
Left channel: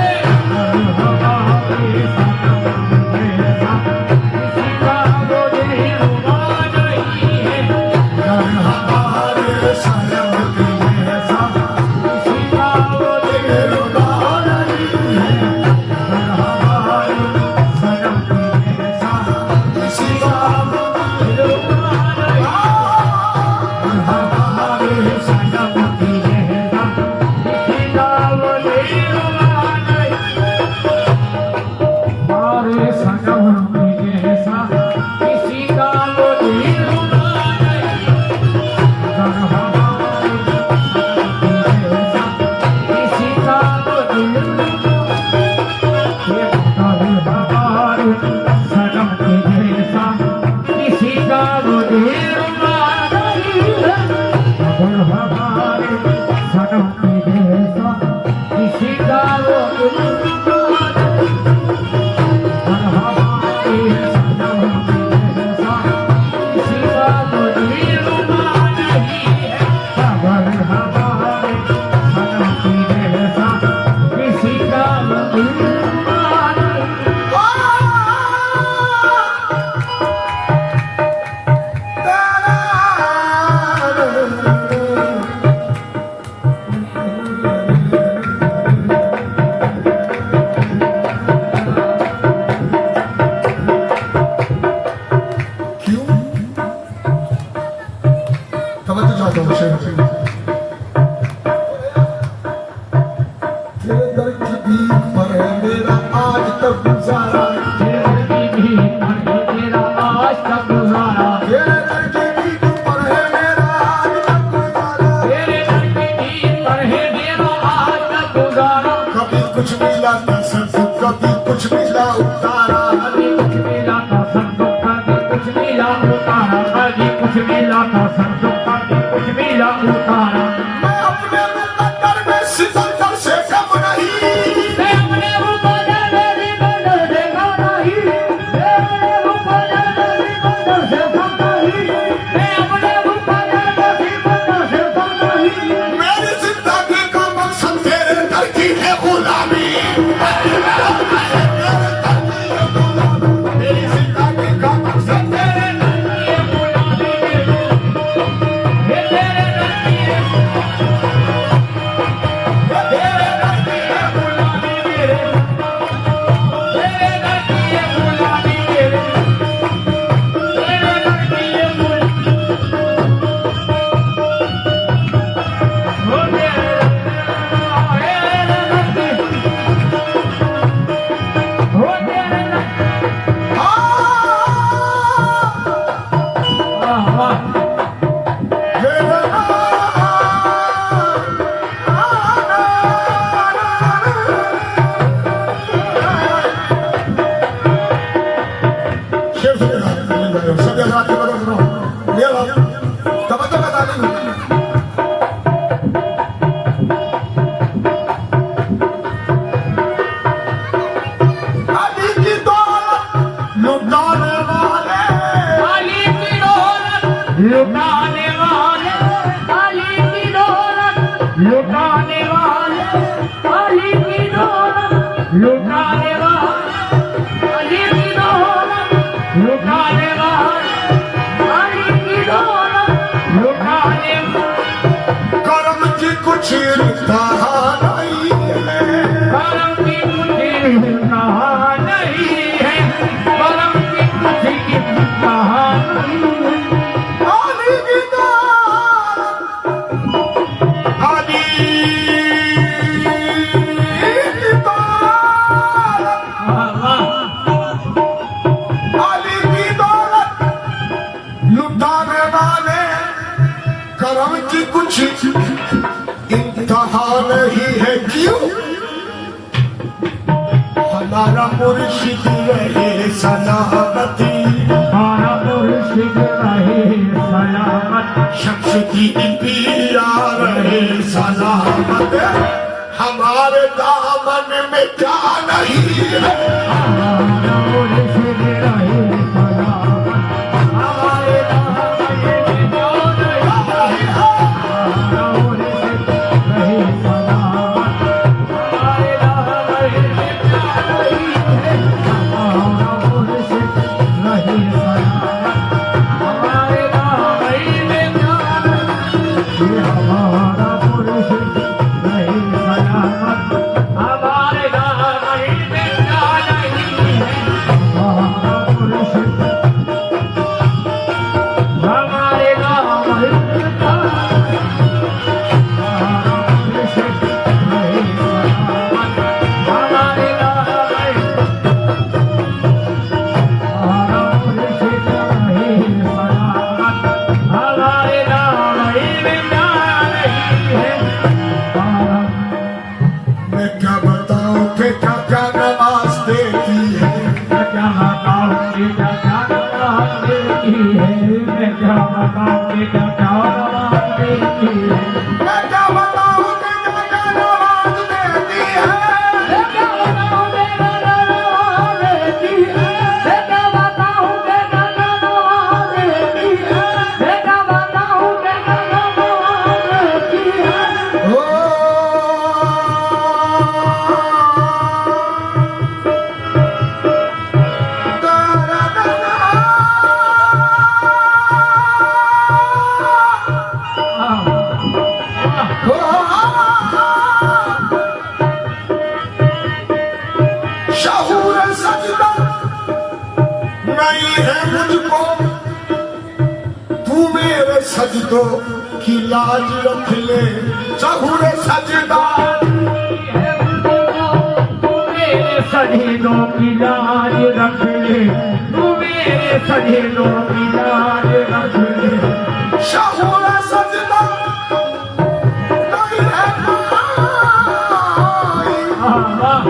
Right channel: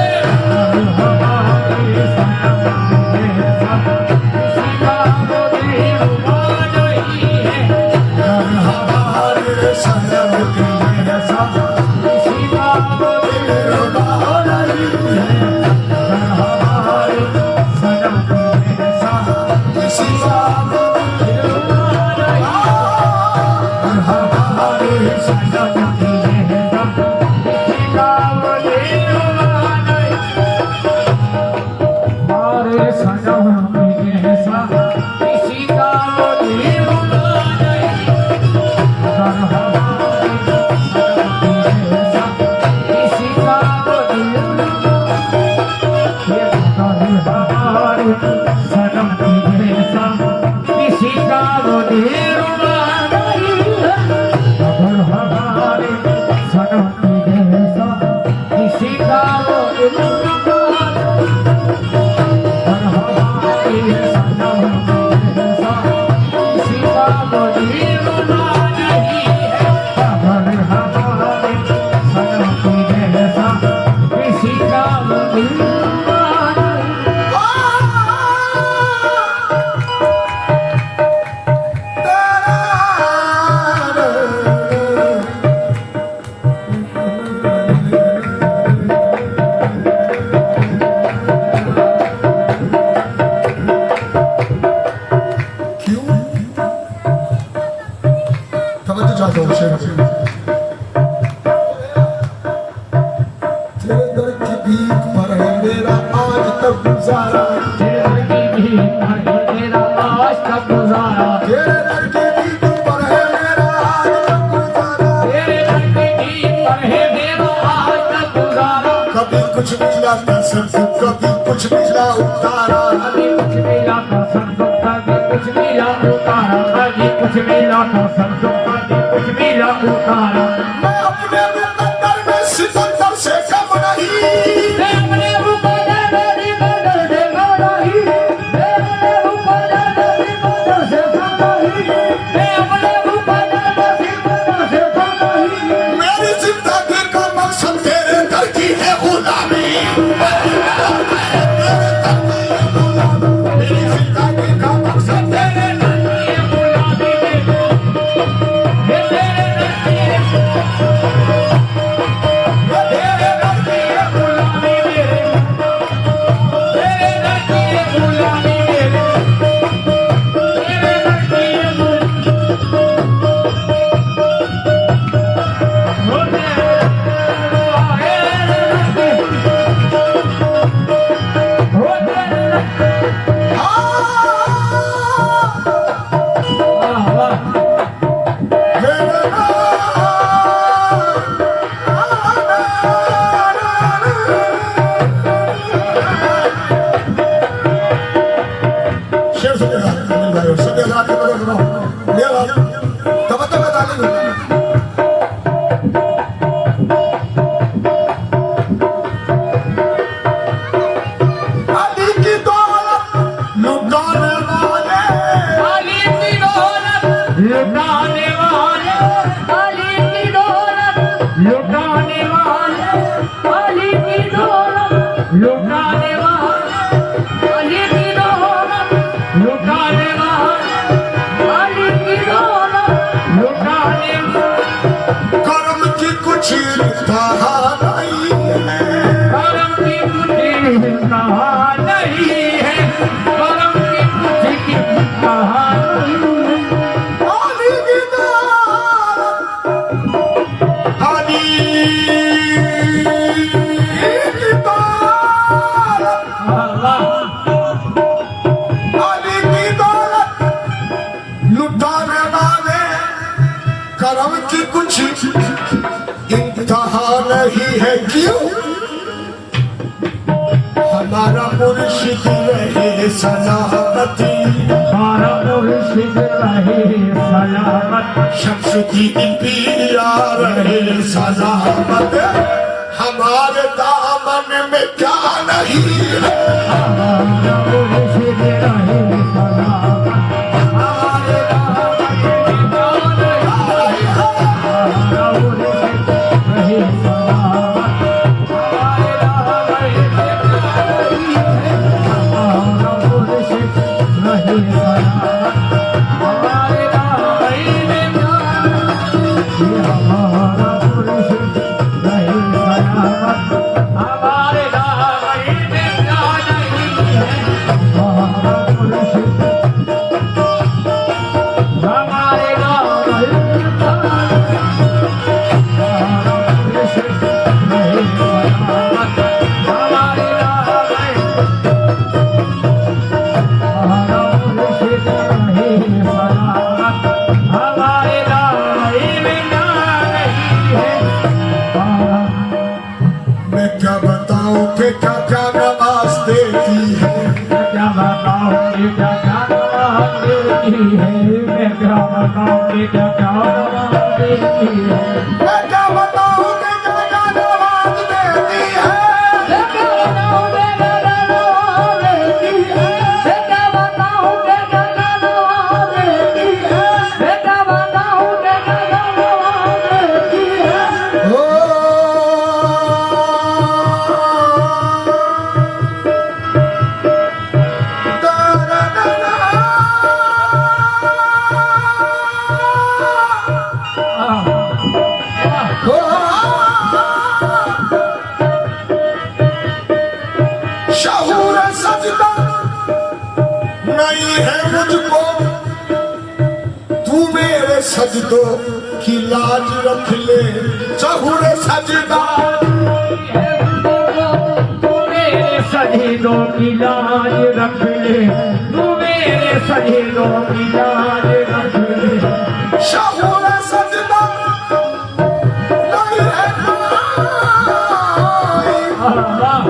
कुछ मिला था सबको, कभी कुछ मिला उतारा, कभी कुछ मिला था सबको, कभी कुछ मिला उतारा, कभी कुछ मिला था सबको, कभी कुछ मिला उतारा। मैं अपने मुकद्दर में सिकंदर से कम नहीं, मैं अपने मुकद्दर में सिकंदर से कम नहीं, मैं अपने मुकद्दर में सिकंदर से कम नहीं, मैं अपने मुकद्दर में सिकंदर से कम नहीं। मेरी जिंदगी का मकसद तेरे दर की है गुलामी, मेरी जिंदगी का मकसद तेरे दर की है गुलामी, ये तेरे दर की है, तेरे दर की है गुलामी मेरे, तेरे दर की है गुलामी मेरे, तेरे दर की है लुटाने वाले, काली की दौलत लुटाने वाले, काली की दौलत लुटाने वाले, काली की दौलत लुटाने वाले, काली की दौलत लुटाने वाले। कर्म की कुछ इंतहा नहीं है, करम की तुझे इंतहा नहीं है, करम की तुझे इंतहा नहीं है। लुटाने वाले कर्म की कुछ इंतहा नहीं है, क्यों? हमारा मुर्शिद रहे सलामती, हमारा मुर्शिद रहे सलामत, शख्स की पिया रहे सलामत, हमारे दामन में क्या नहीं है, हमारा मुर्शिद रहे सलामत, हमारे दामन में क्या नहीं है, हमारा मुर्शिद रहे सलामत, हमारे दामन में क्या नहीं है, हमारा मुर्शिद रहे सलामत, हमारे दामन में क्या नहीं है, हमारा मुर्शिद रहे सलामत, हमारे दामन में क्या नहीं है, हमारा मुर्शिद मैं क्या बताऊं कि जो जान आवाज देती है। शहूर सजदा नहीं है मुझको, तू मेरे सजदों की लाज रख ले। शहूर सजदा सजदों की लाज रख ले, तू मेरे सजदों की लाज रख ले। शहूर सजदा नहीं है कोई,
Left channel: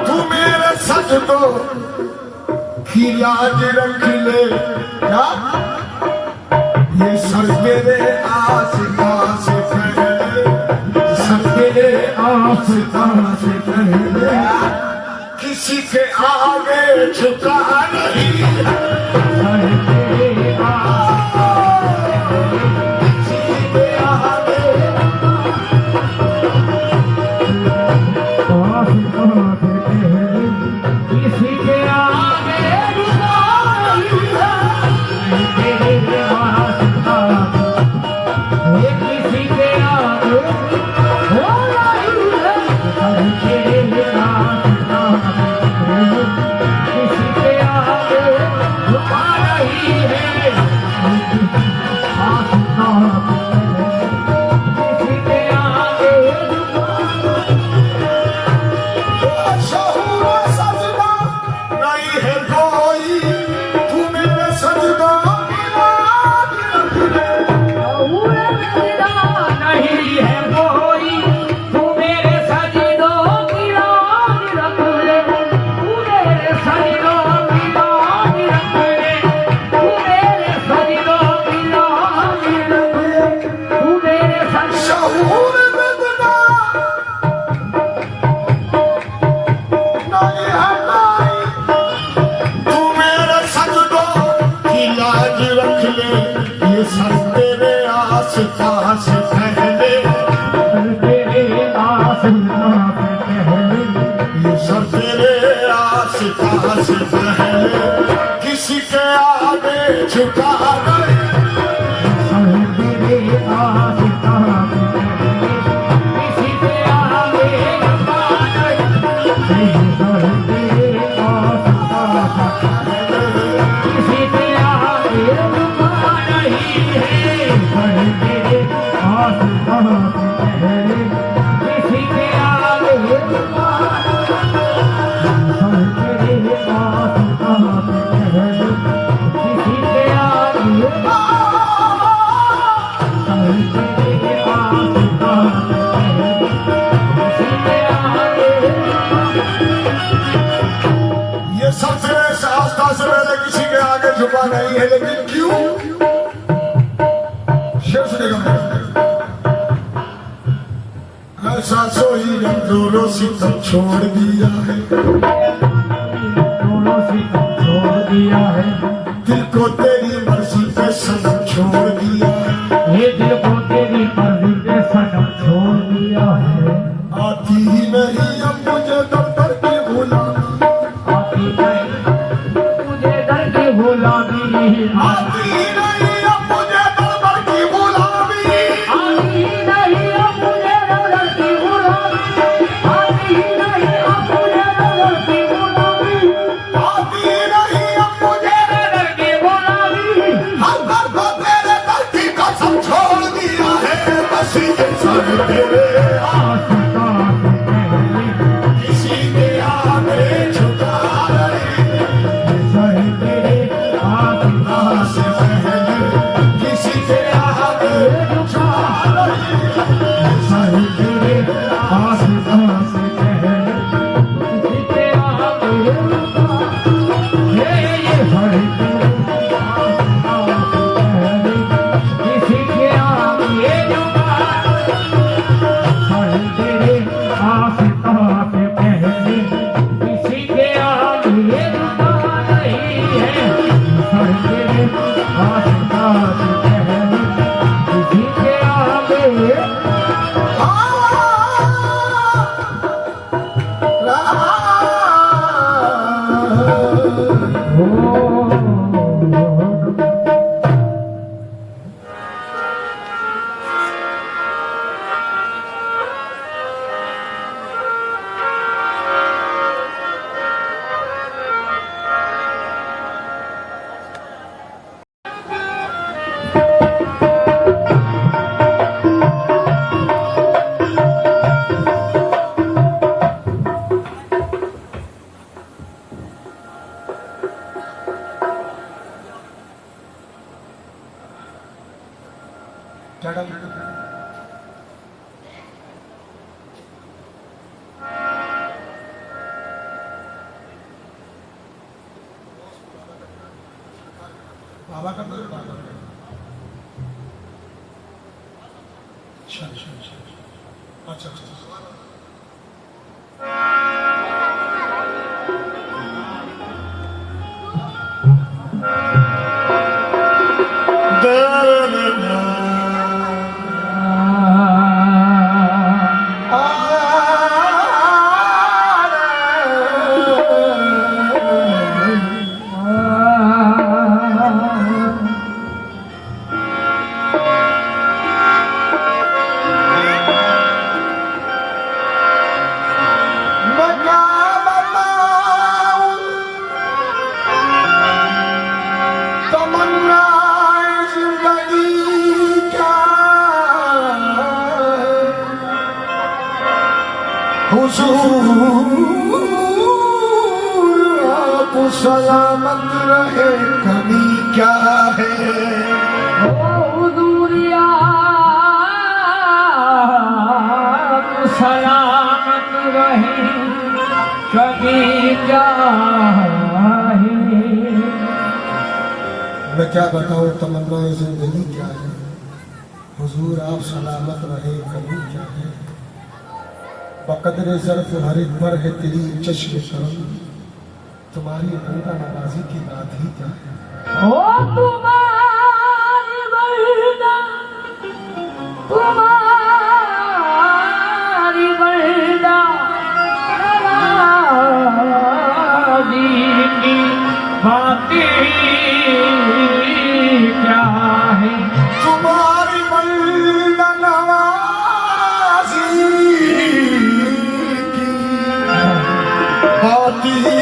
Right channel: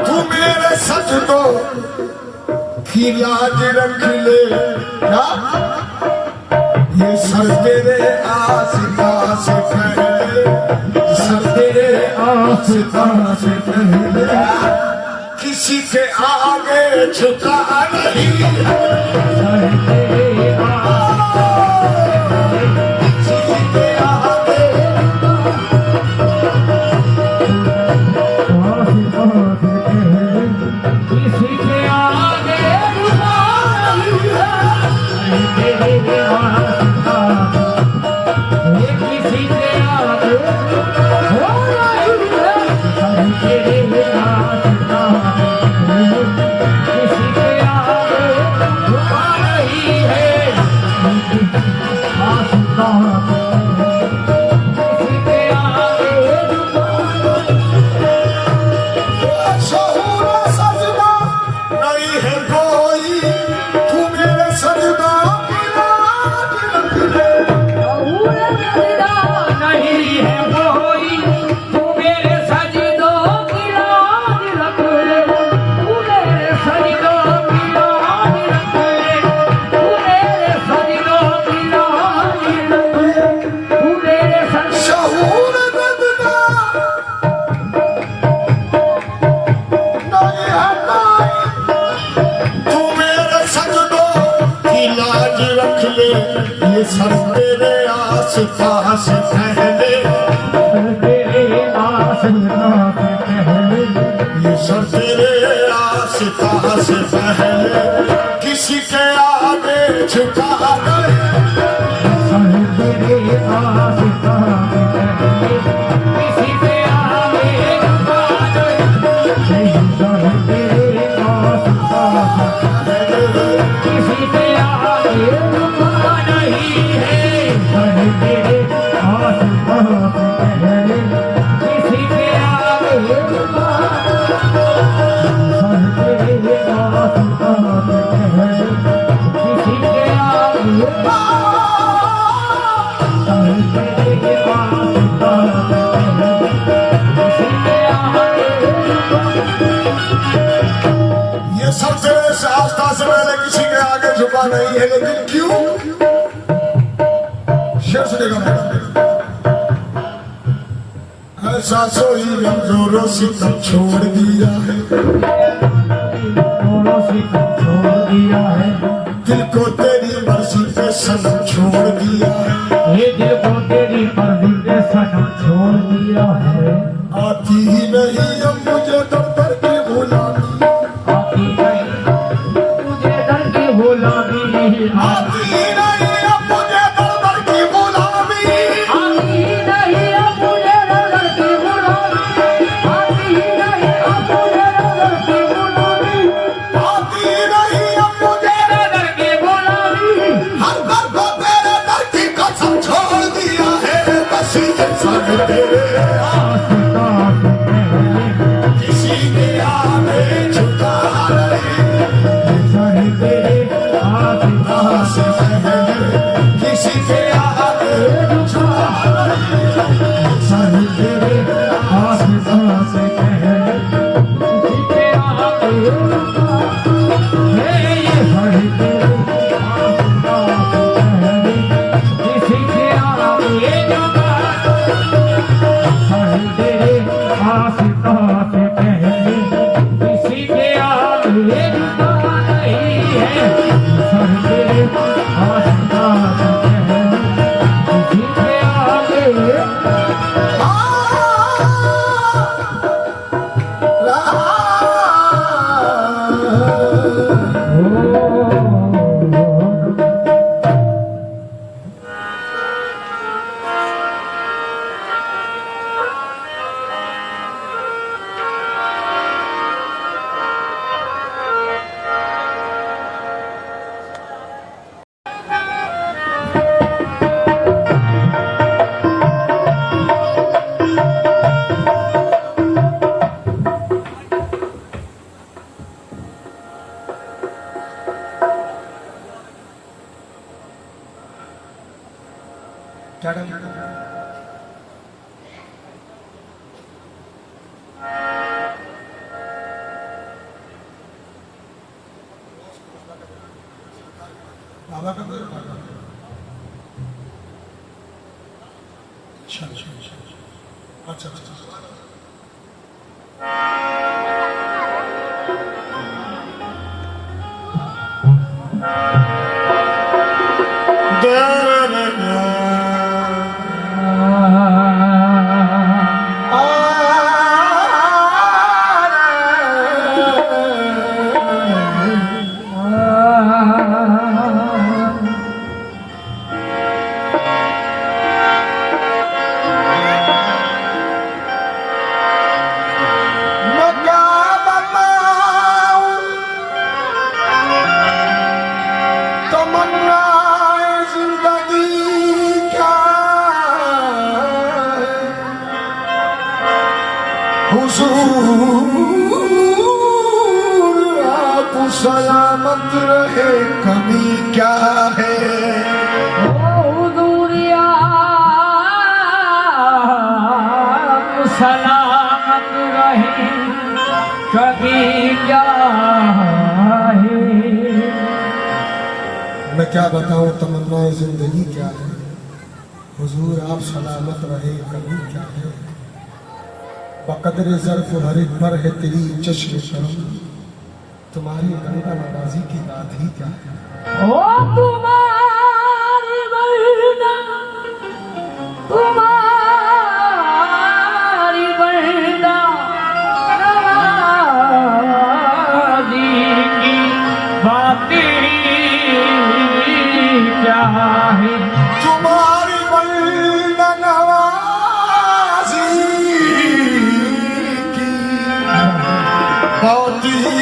तू मेरे सजदों की लाज रख ले। क्या ये सर तेरे आस्था से पहले, सर तेरे आस्था से पहले किसी के आगे झुका नहीं। किसी के आगे किसी के आगे किसी के आगे किसी के आगे झुका नहीं है। किसी के आगे शहूर सजदा नहीं है कोई, तू मेरे सजदा की लाज रख ले। नहीं है कोई, तू मेरे सजदों की लाज रख ले। तू मेरे सजदों की लाज रख ले, तू मेरे सजदों की लाज रख ले, तू मेरे सजदों शहूर सजदा नहीं है कोई, तू मेरे सजदों की लाज रख ले। ये सर तेरे आस्था से पहले, तेरे आसमां से पहले ये सर तेरे आस्था से पहले किसी के आगे झुका नहीं। तेरे आसमां से पहले किसी के आगे झुका नहीं। तेरे आसमां से पहले किसी के आगे झुका नहीं है। तेरे आसमां से पहले किसी के आगे झुका नहीं। तेरे आसमां से पहले किसी के आगे तेरे आसमां से पहले किसी के आगे ये सब तेरे से आस्था से पहले किसी के आगे झुका नहीं है। लेकिन क्यों? शेर सुनेगा मैं। ऐसा सोई जोरों से तो छोड़ दिया है, दोनों से छोड़ दिया है। दिल को तेरी मर्जी पे सनम छोड़ दिया है। ये दिल को तेरी मर्जी पे सनम छोड़ दिया है। आती ही नहीं अब मुझे दफ्तर की गुलामी, आती नहीं तुझे दर की गुलामी, आती ही नहीं अब मुझे दफ्तर की गुलामी, आती नहीं अब मुझे दर की गुलामी, आती नहीं अब मुझे दर की गुलामी, आती ही नहीं अब मुझे दर की गुलामी। हर दर को तेरे दर की कसम छोड़ दिया है। बस ये सर तेरे किसी के आगे झुका नहीं। से पहले क्या डाल बाबा का अच्छा अच्छा अच्छा अच्छा अच्छा हुजूर आप सलामत रहे कमी क्या है सलामत रहे कभी क्या है। मैं क्या बताऊं तमन्ना जिंदगी क्या है हुजूर आप सलामत रहे कभी क्या है बकदर ज़र्फ हर एक पर है तेरी चश्म करम तुम्हारी बंदा नवाजी की बात ही क्या है ओ तुम्हारी बंदा नवाजी की बातें क्या है तुम्हारी बंदा नवाजी की बात ही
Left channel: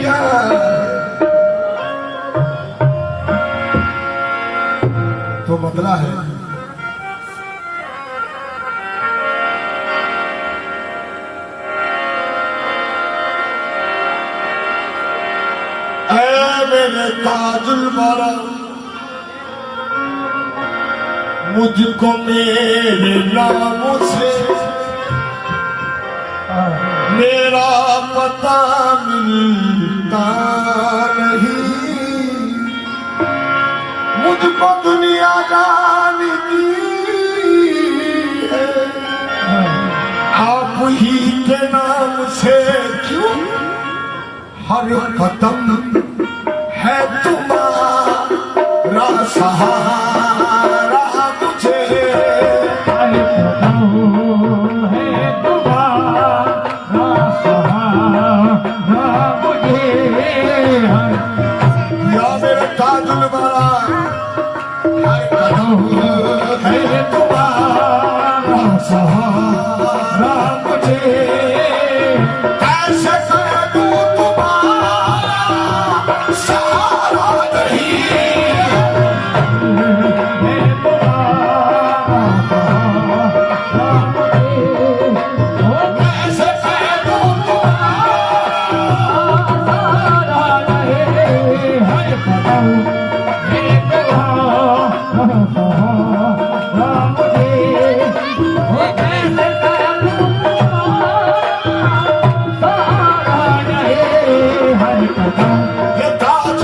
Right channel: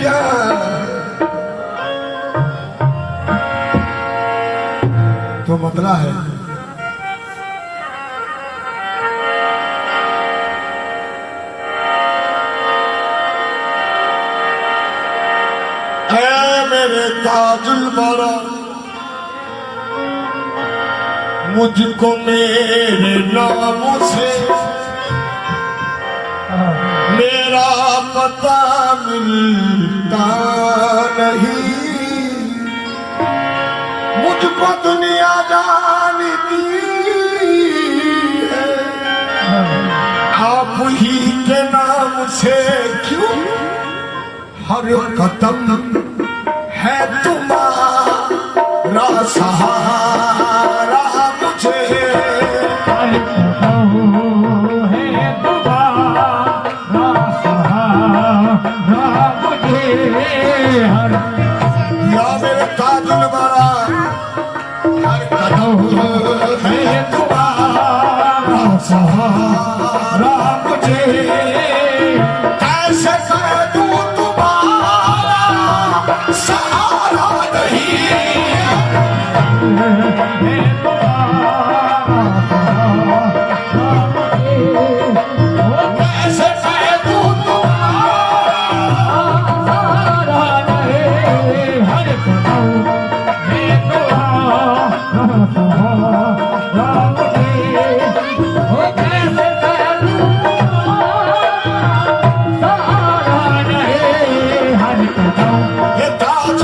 क्या तो मतला है ऐ मेरे काजुल बारा मुझको मेरे नाम से मेरा पता मिलता नहीं मुझको दुनिया जानती है आप ही के नाम से क्यों हर कदम है तुम्हारा सहारा मुझे या मेरे काजुल वाला हर कदम है तुम्हारा सहारा मुझे कैसे कर दूं तुम्हारा सहारा नहीं कैसे कर दूं ये ताज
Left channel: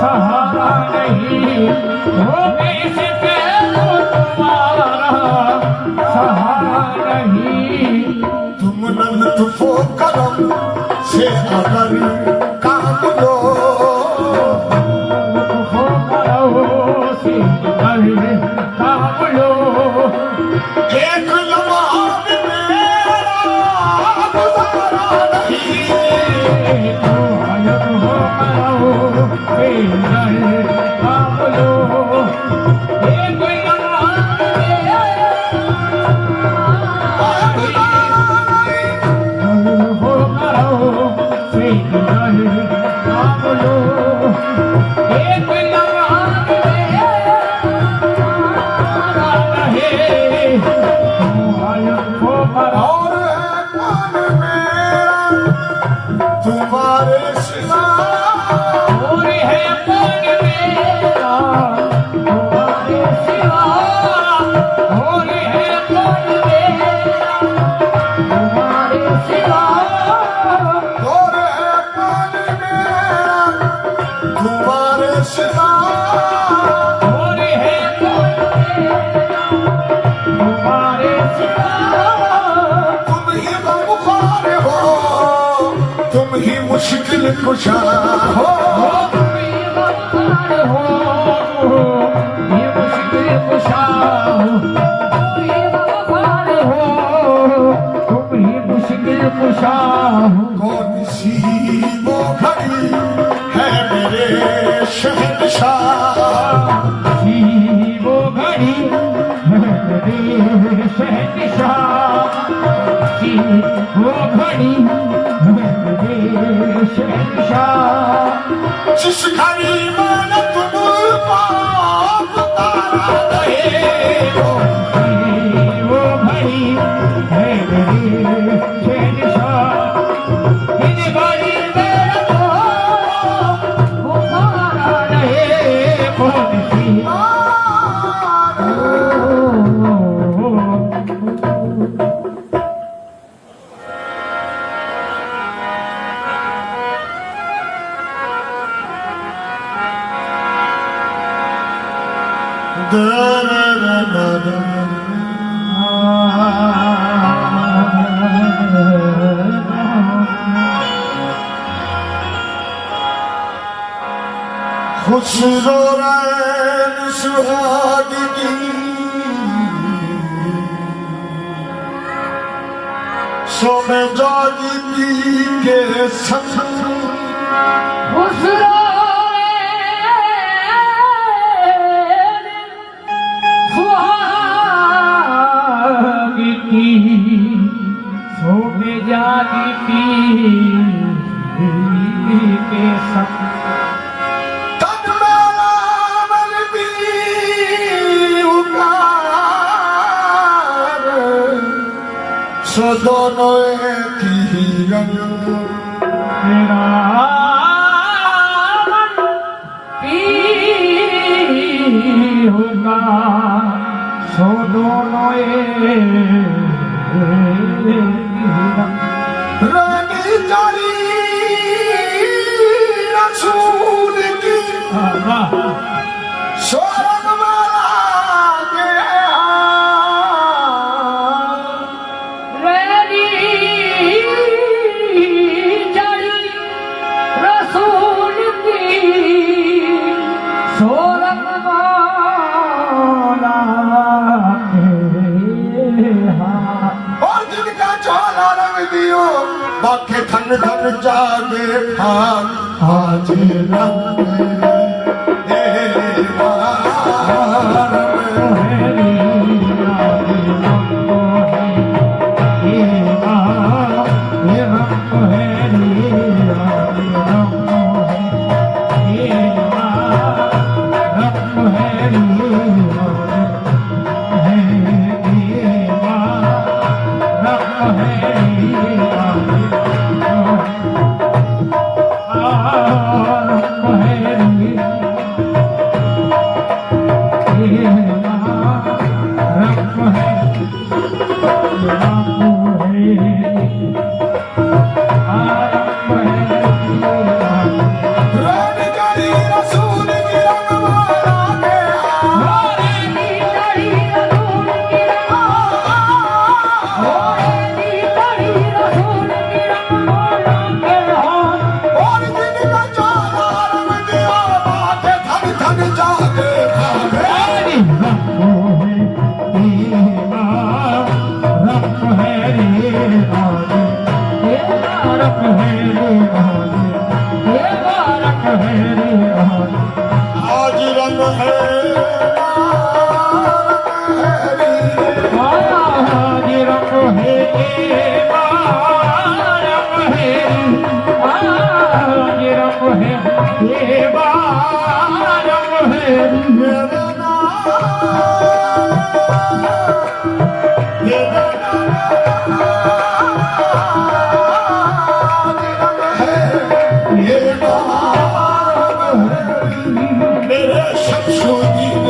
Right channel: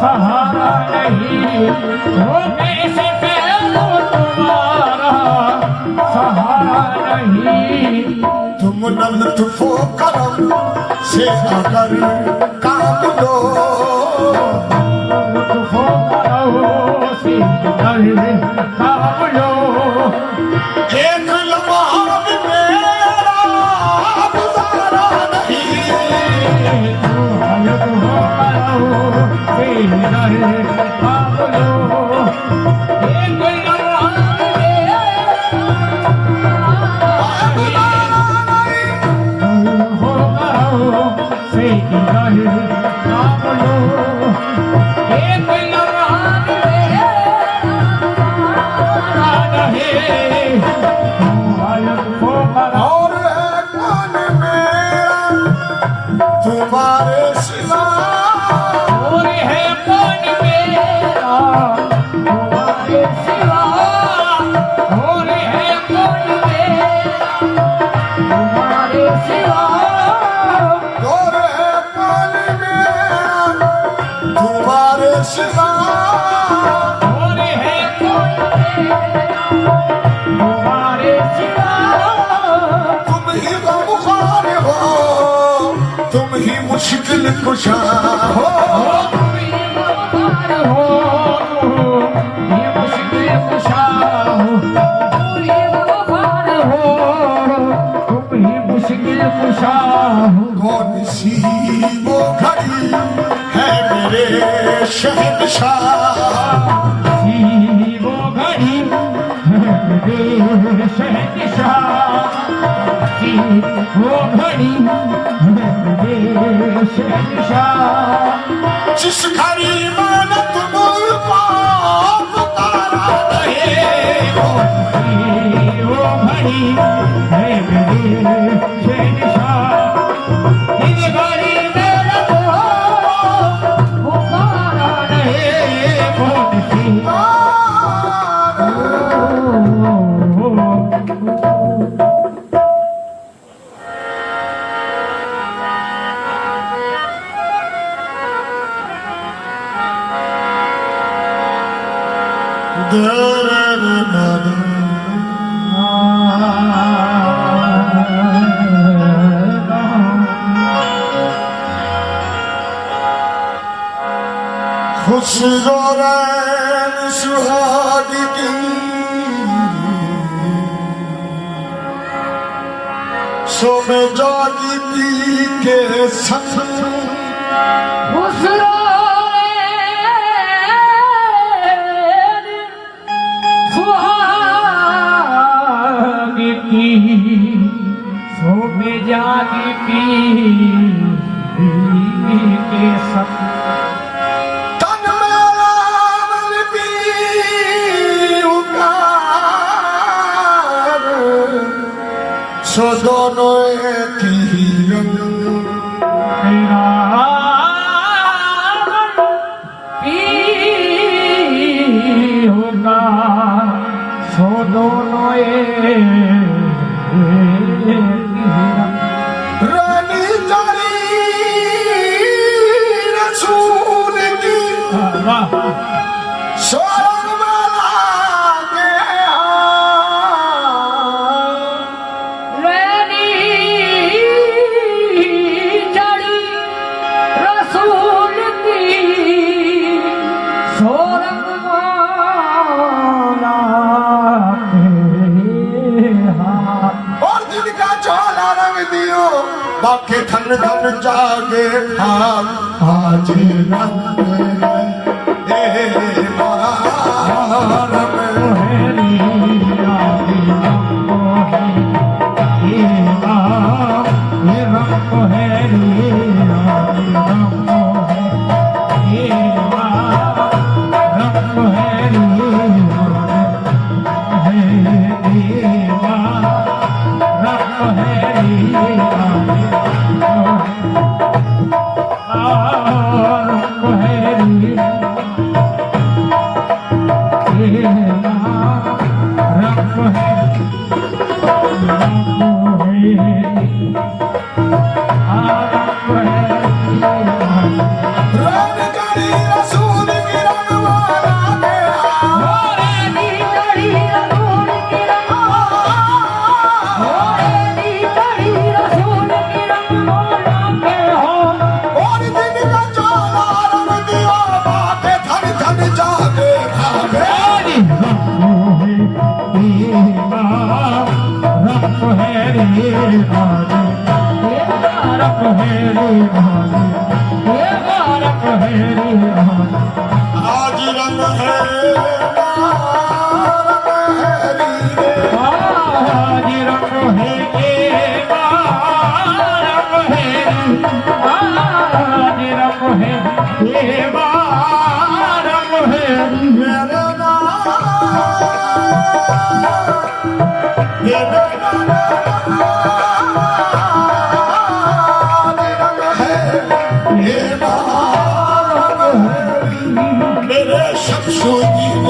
सहारा नहीं वो कैसे करो तुम्हारा सहारा नहीं तुम न लुत्फो करो से अगर काम लो हो करो सी कर काम लो एक लम्हा मेरा गुजारा नहीं और कान में तुम्हारे सिवा और कान में तुम्हारे सिवा तुम ही गमखार हो तुम ही मुश्किल कुशा हो कौन सी वो घड़ी है मेरे शहंशाह वो घड़ी शहंशाह वो घड़ी शहंशाह जिस घड़ी मैंने तुमको पुकारा नहीं वो घड़ी है शहंशाह इस घड़ी में पुकारा रहे कौन सी खुशरो रैन सुहागी की सो में जागी पी के संग जागी पी के सब तन मेरा मन भी उकार सो दोनों एक ही रंग तेरा मन पी होगा सो दोनों रानी जारी रसूल की सोरग माला के रसूल की सोरग और दिन का चोला रंग दियो बाके धन धन जागे भाग आज रंग देवा है आज रंग है मेरे शमशुद्दीन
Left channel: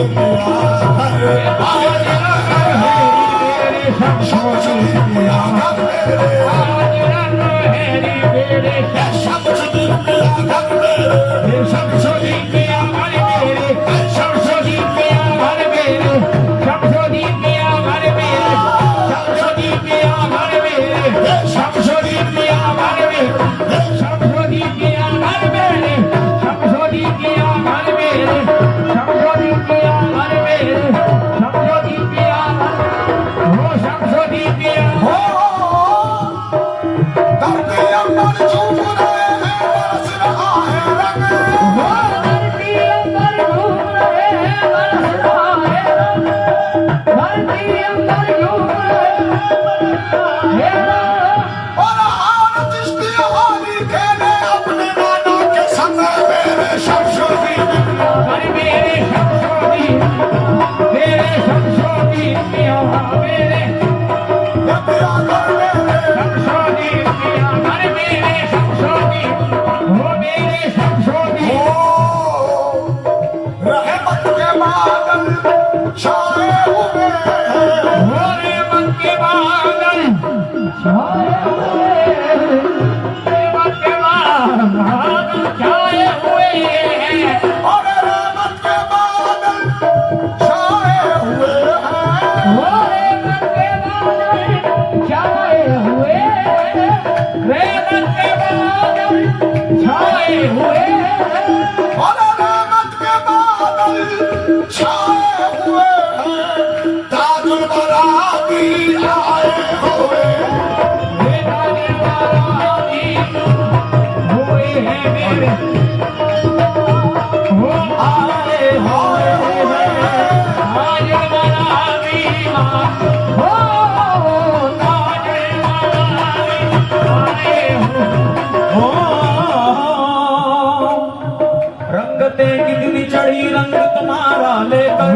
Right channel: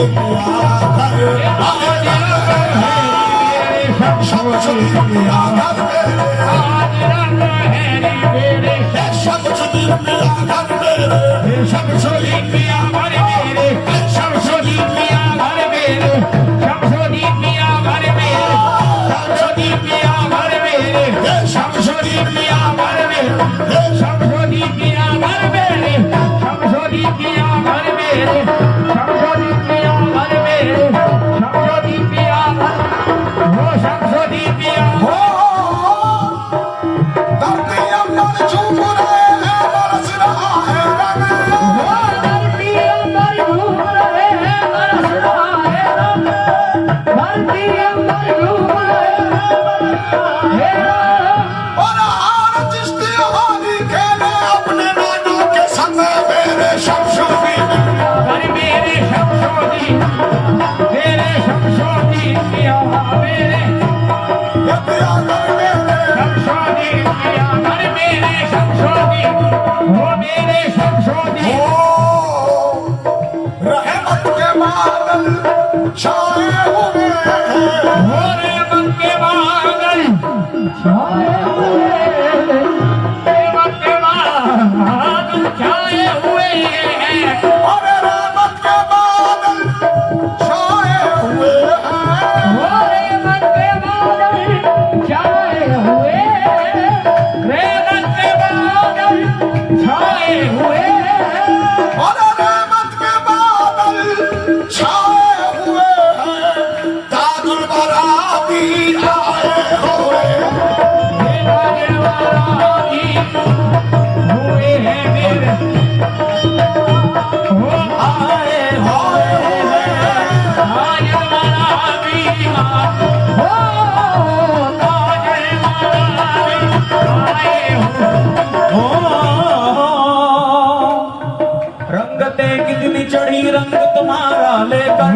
रंगते कितनी चढ़ी रंग तुम्हारा लेकर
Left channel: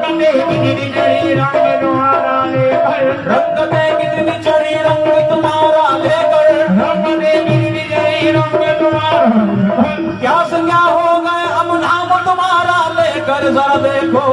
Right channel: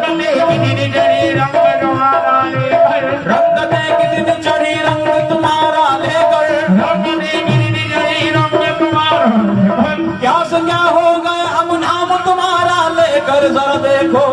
रंगते कितनी चढ़ी रंग तुम्हारा लेकर रंगते कितनी चढ़ी रंग तुम्हारा लेकर रंगते कितनी चढ़ी रंग तुम्हारा क्या से क्या हो गए हम नाम तुम्हारा लेकर जरा देखो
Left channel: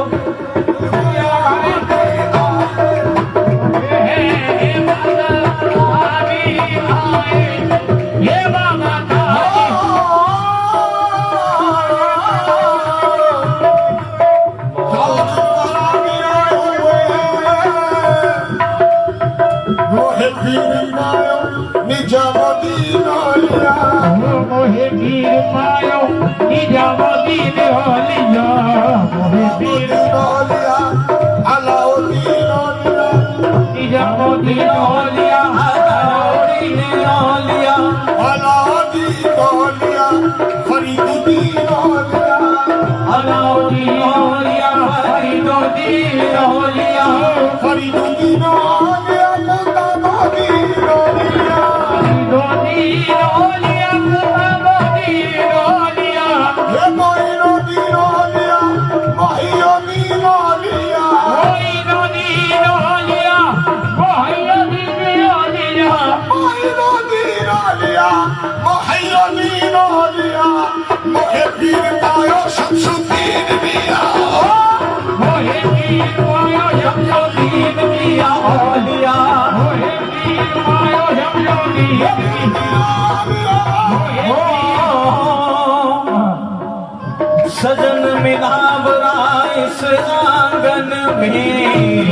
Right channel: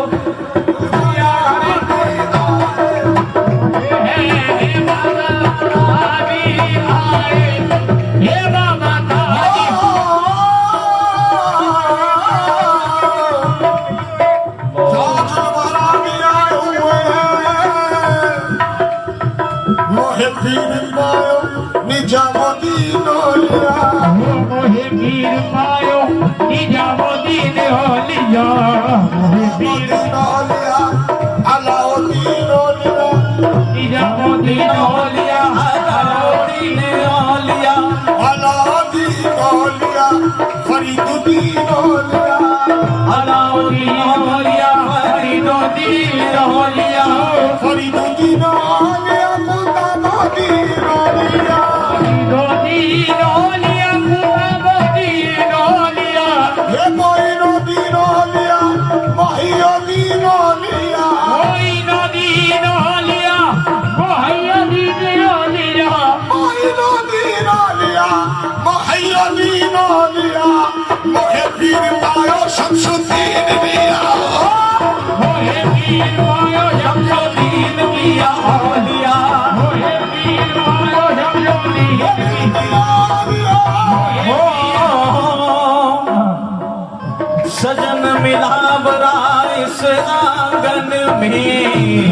सजन मिला बरा इस आंगन में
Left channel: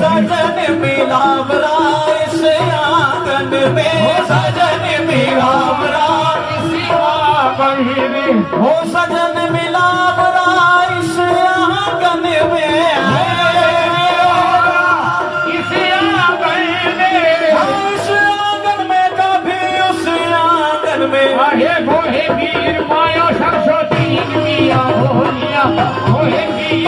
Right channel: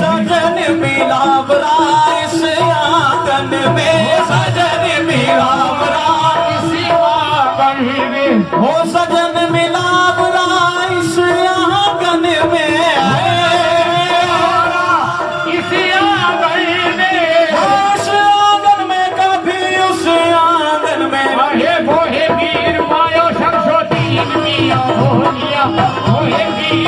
सजन मिला बरा इस आंगन में सजन मिला बरा इस आंगन में हो सजन मिला बरा इस आंगन में इस आंगन में कभी उस सागन में हे मोहे वीर माया शमशोदीन पिया मोहिया मोहे वीर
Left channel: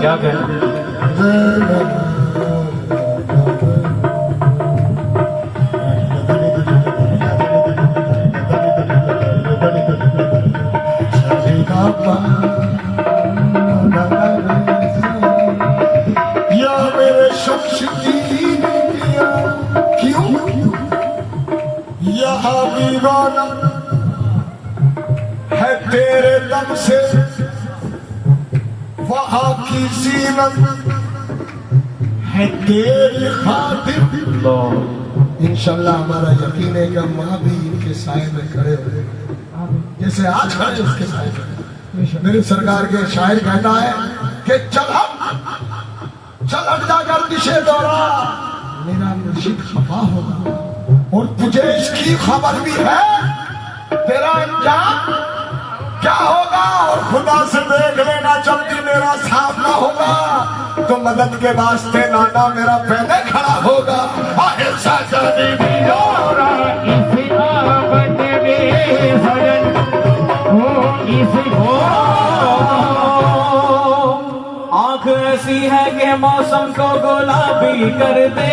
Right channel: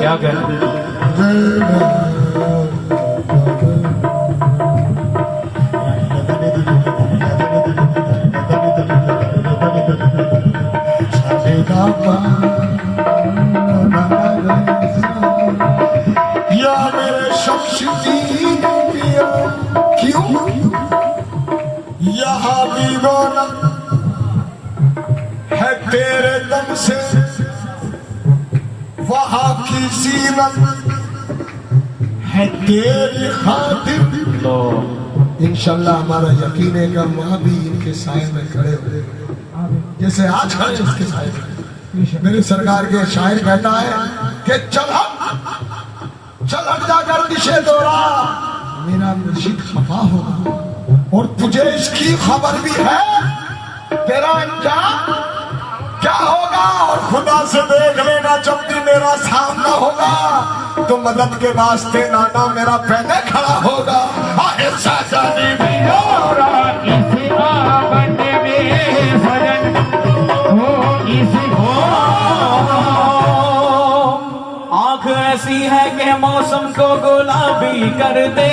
क्या कहें या मेरे शमशुद्दीन पिया क्यों यहाँ दीवाना है तेरे दम से वहाँ की जीनत है तेरी खातिर। इंशाल्लाह हमारा यकीन है कि हम वहाँ भी इनके साए में खड़े हो जैसे आज खड़े उसके साए में। मेरे सरकार के शायर कहता है कि चल हट जाकर दिशे दौड़ा मेरा मुर्शिद खफा होगा और तुझे इसकी खबर भी है तेरा अंजाम क्या होगा। और खुदा से देख लेना जब भी मेरा सामना होगा तो मदद के वास्ते नाना मेरा पहले खड़ा होगा। आहे साजन भी और इसी आंगन में सजन हो इसी आंख ऐसी है कि मौसम को गुलाबी कर दे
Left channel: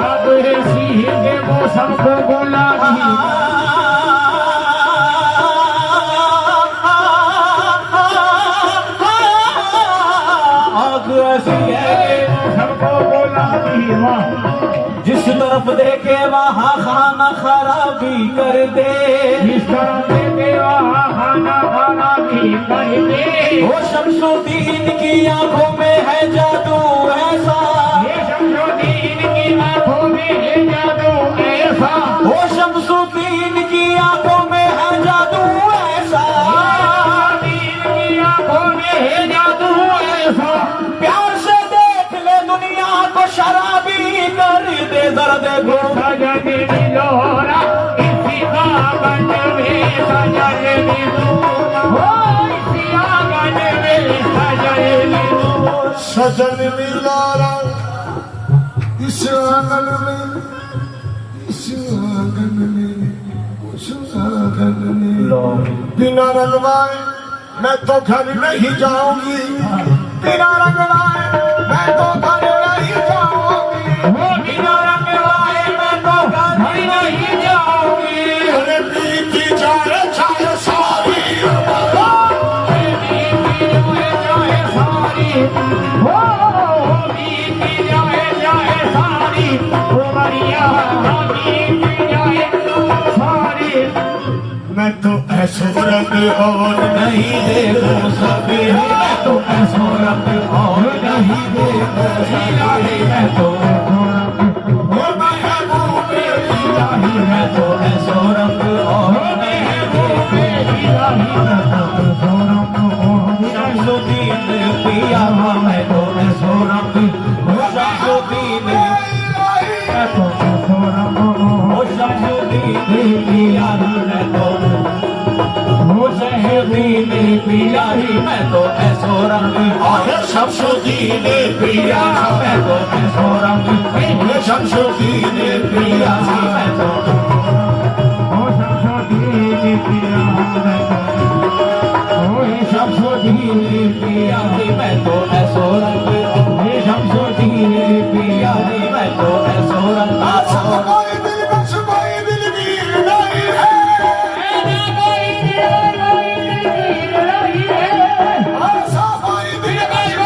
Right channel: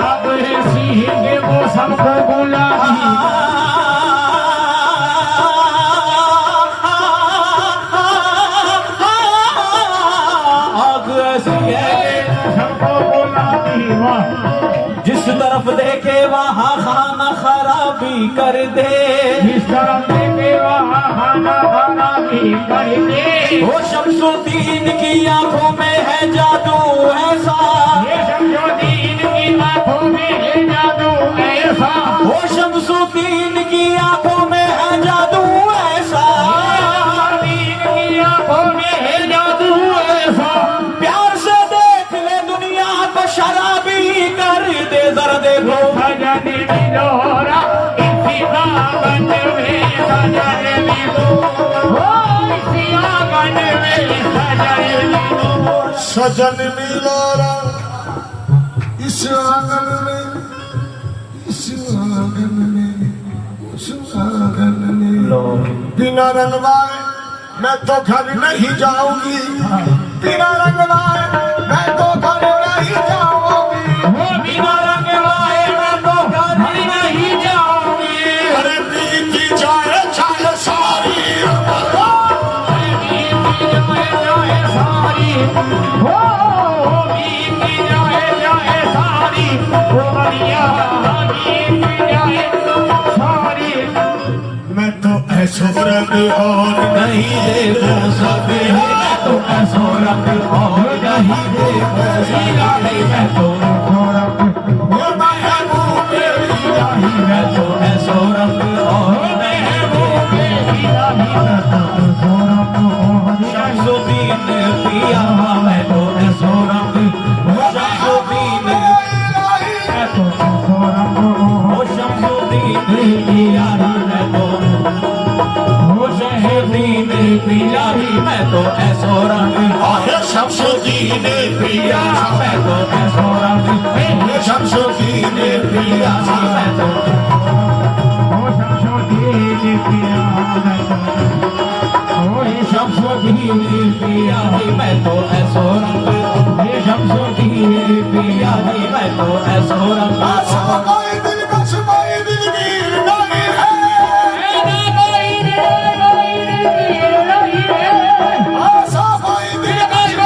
अब ऐसी है कि मौसम को गुलाबी आंख ऐसी है कि मौसम को गुलाबी हो जिस तरफ देखे वहाँ खाना खराबी कर दे इस तरह देखे वहाँ खाना खराबी कर दे। वो शमशुद्दीन की आंखों में है जादू ऐसा ये शमशुद्दीन की आंखों में है जादू ऐसा वो शमशुद्दीन की आंखों में है जादू ऐसा शमशुद्दीन की आंखों में है जादू ऐसा प्यार से देख ले दुनिया को शराबी कर दे जरा देखो सजन मिलोरा इसी आंगन में सजन मिलो इसी आंगन में सजन मिलो सजन मिलारा इस आंगन में इस आंगन में उस आंगन में बिना रंगवाए मैं तो घर नहीं जाऊंगी बिना रंगवाए मैं तो घर नहीं जाऊंगी। बिना रंग लाए मैं तो घर नहीं जाऊंगी अरे बीती जाए चाहे सारी मैं तो ऐसे रंग और नहीं देखो सभी मैं तो ऐसो रंग और नहीं देखो सभी मैं तो मैं तो ऐसो रंग और नहीं देखो शमशुद्दीन पिया मैं तो ऐसो रंग शमशुद्दीन ओ शमशुद्दीन पिया मैं तो शमशुद्दीन पिया मैं तो ऐसो रंग शमशुद्दीन पिया मैं तो ऐसो रंग शमशुद्दीन पिया मैं तो शमशुद्दीन पिया मैं तो ऐसो रंग शमशुद्दीन पिया मैं तो ऐसो रंग कोई दिल बस कोई दिल वीर नहीं है ऐसा कोई दिल बस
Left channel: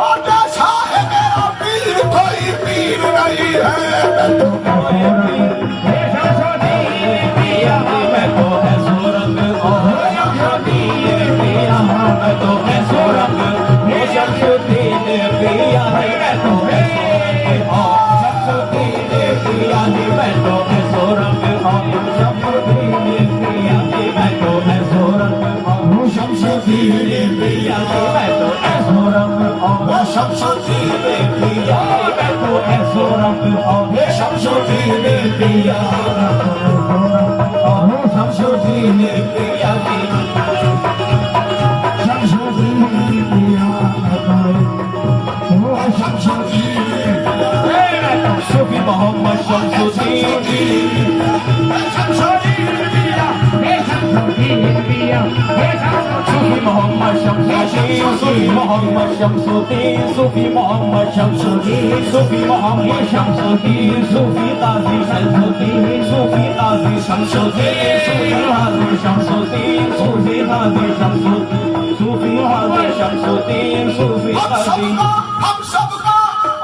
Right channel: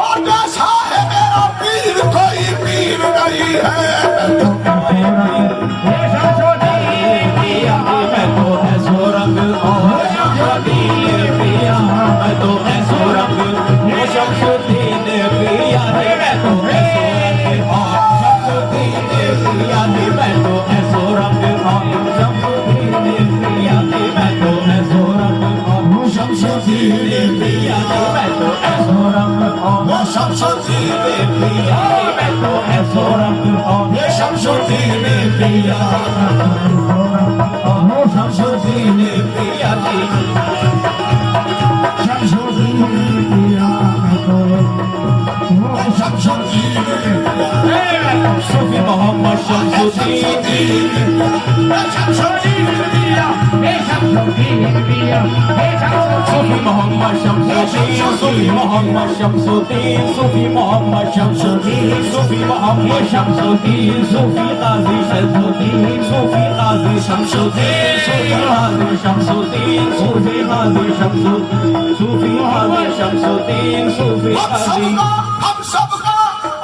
और जैसा है मेरा पीर कोई पीर नहीं है। शमशुद्दीन पिया मैं तो ऐसो रंग शमसुद्दीन पिया की मैं तो ऐसो रंग शमसुद्दीन पिया की मैं तो ऐसो रंग शमसुद्दीन पिया की मैं तो ऐसो रंग शमसुद्दीन पिया की मैं तो ऐसो रंग शमसुद्दीन पिया शमसुद्दीन पिया की सूफी मोहम्मद शमसुद्दीन सूफी मोहम्मद शमसुद्दीन सूफी मोहम्मद शमसुद्दीन सूफी मोहम्मद शमसुद्दीन सूफी मोहम्मद शमसुद्दीन सूफी काजी शमसुद्दीन सूफी काजी शमसुद्दीन सूफी काजी शमसुद्दीन सूफी काजी शमसुद्दीन सूफी काजी शमसुद्दीन सूफी काजी हम सबका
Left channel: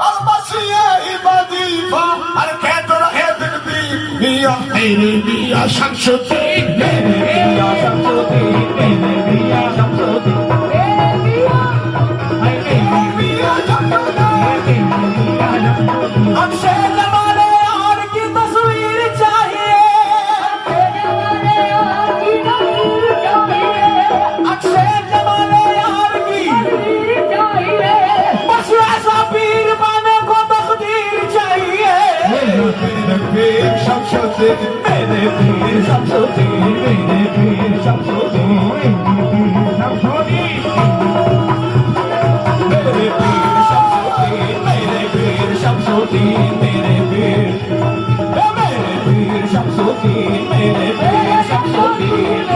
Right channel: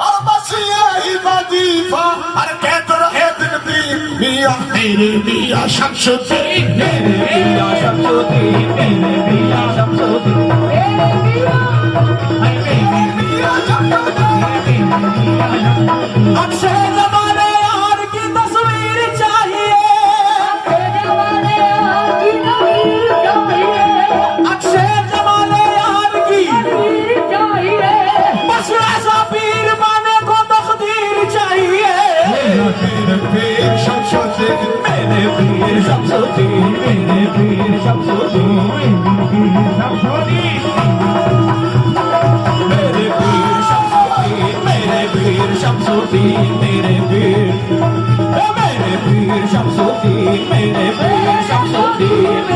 और बस यही वजीफा हर कहते रहे दिन भी मियां मेरे मियां शमसुद्दीन मेरे पिया शमसुद्दीन मेरे पिया शमसुद्दीन अक्षय जमाने यार की तस्वीर चाहिए अक्षय जमाने यार की बस ऐसा पीर माने को तकदीर चाहिए मेरे पीर शमसुद्दीन मेरे पीर शमसुद्दीन मेरे पीर शमसुद्दीन मेरे पीर शमसुद्दीन मेरे पीर शमसुद्दीन मेरे पीर शमसुद्दीन मेरे पीर शमसुद्दीन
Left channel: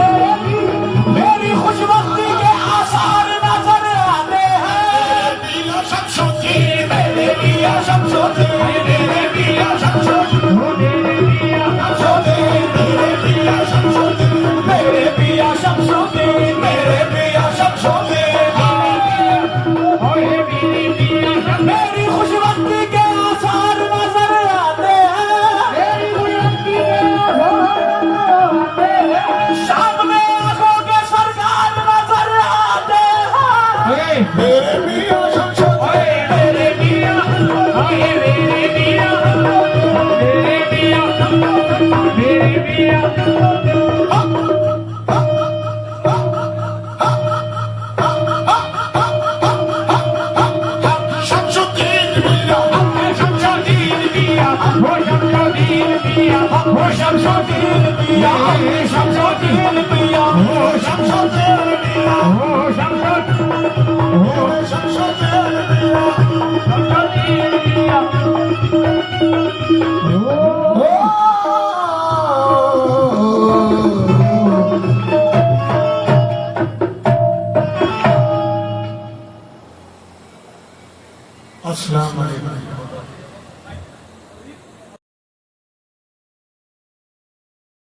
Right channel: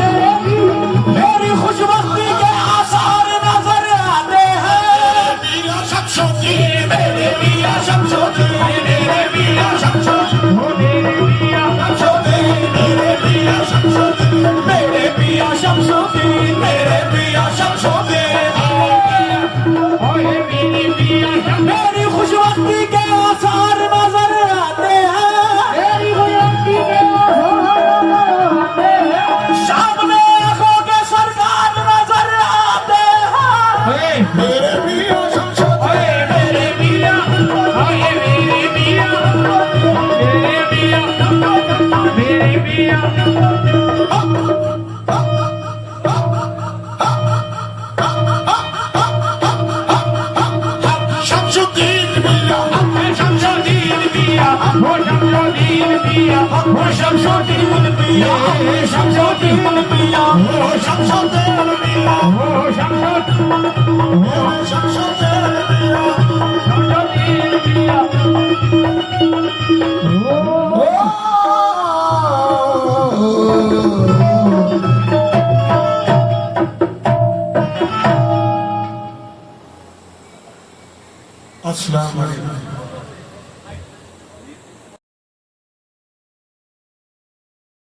मेरी खुशबख्ती के आसार नजर आते हैं मियां शमसुद्दीन मेरे पिया शमसुद्दीन मेरे पिया शमसुद्दीन मेरे पिया शमसुद्दीन मेरे पिया शमसुद्दीन मेरे पिया शमसुद्दीन मेरी खुशबख्ती के आसार नजर आते हैं सामने आंखों के सरकार नजर आते हैं मेरे मियां शमसुद्दीन मेरे पिया शमसुद्दीन मियां शमसुद्दीन पिया शमसुद्दीन पिया शमसुद्दीन पिया शमसुद्दीन पिया शमसुद्दीन मियां शमसुद्दीन अस्सलाम वालेकुम।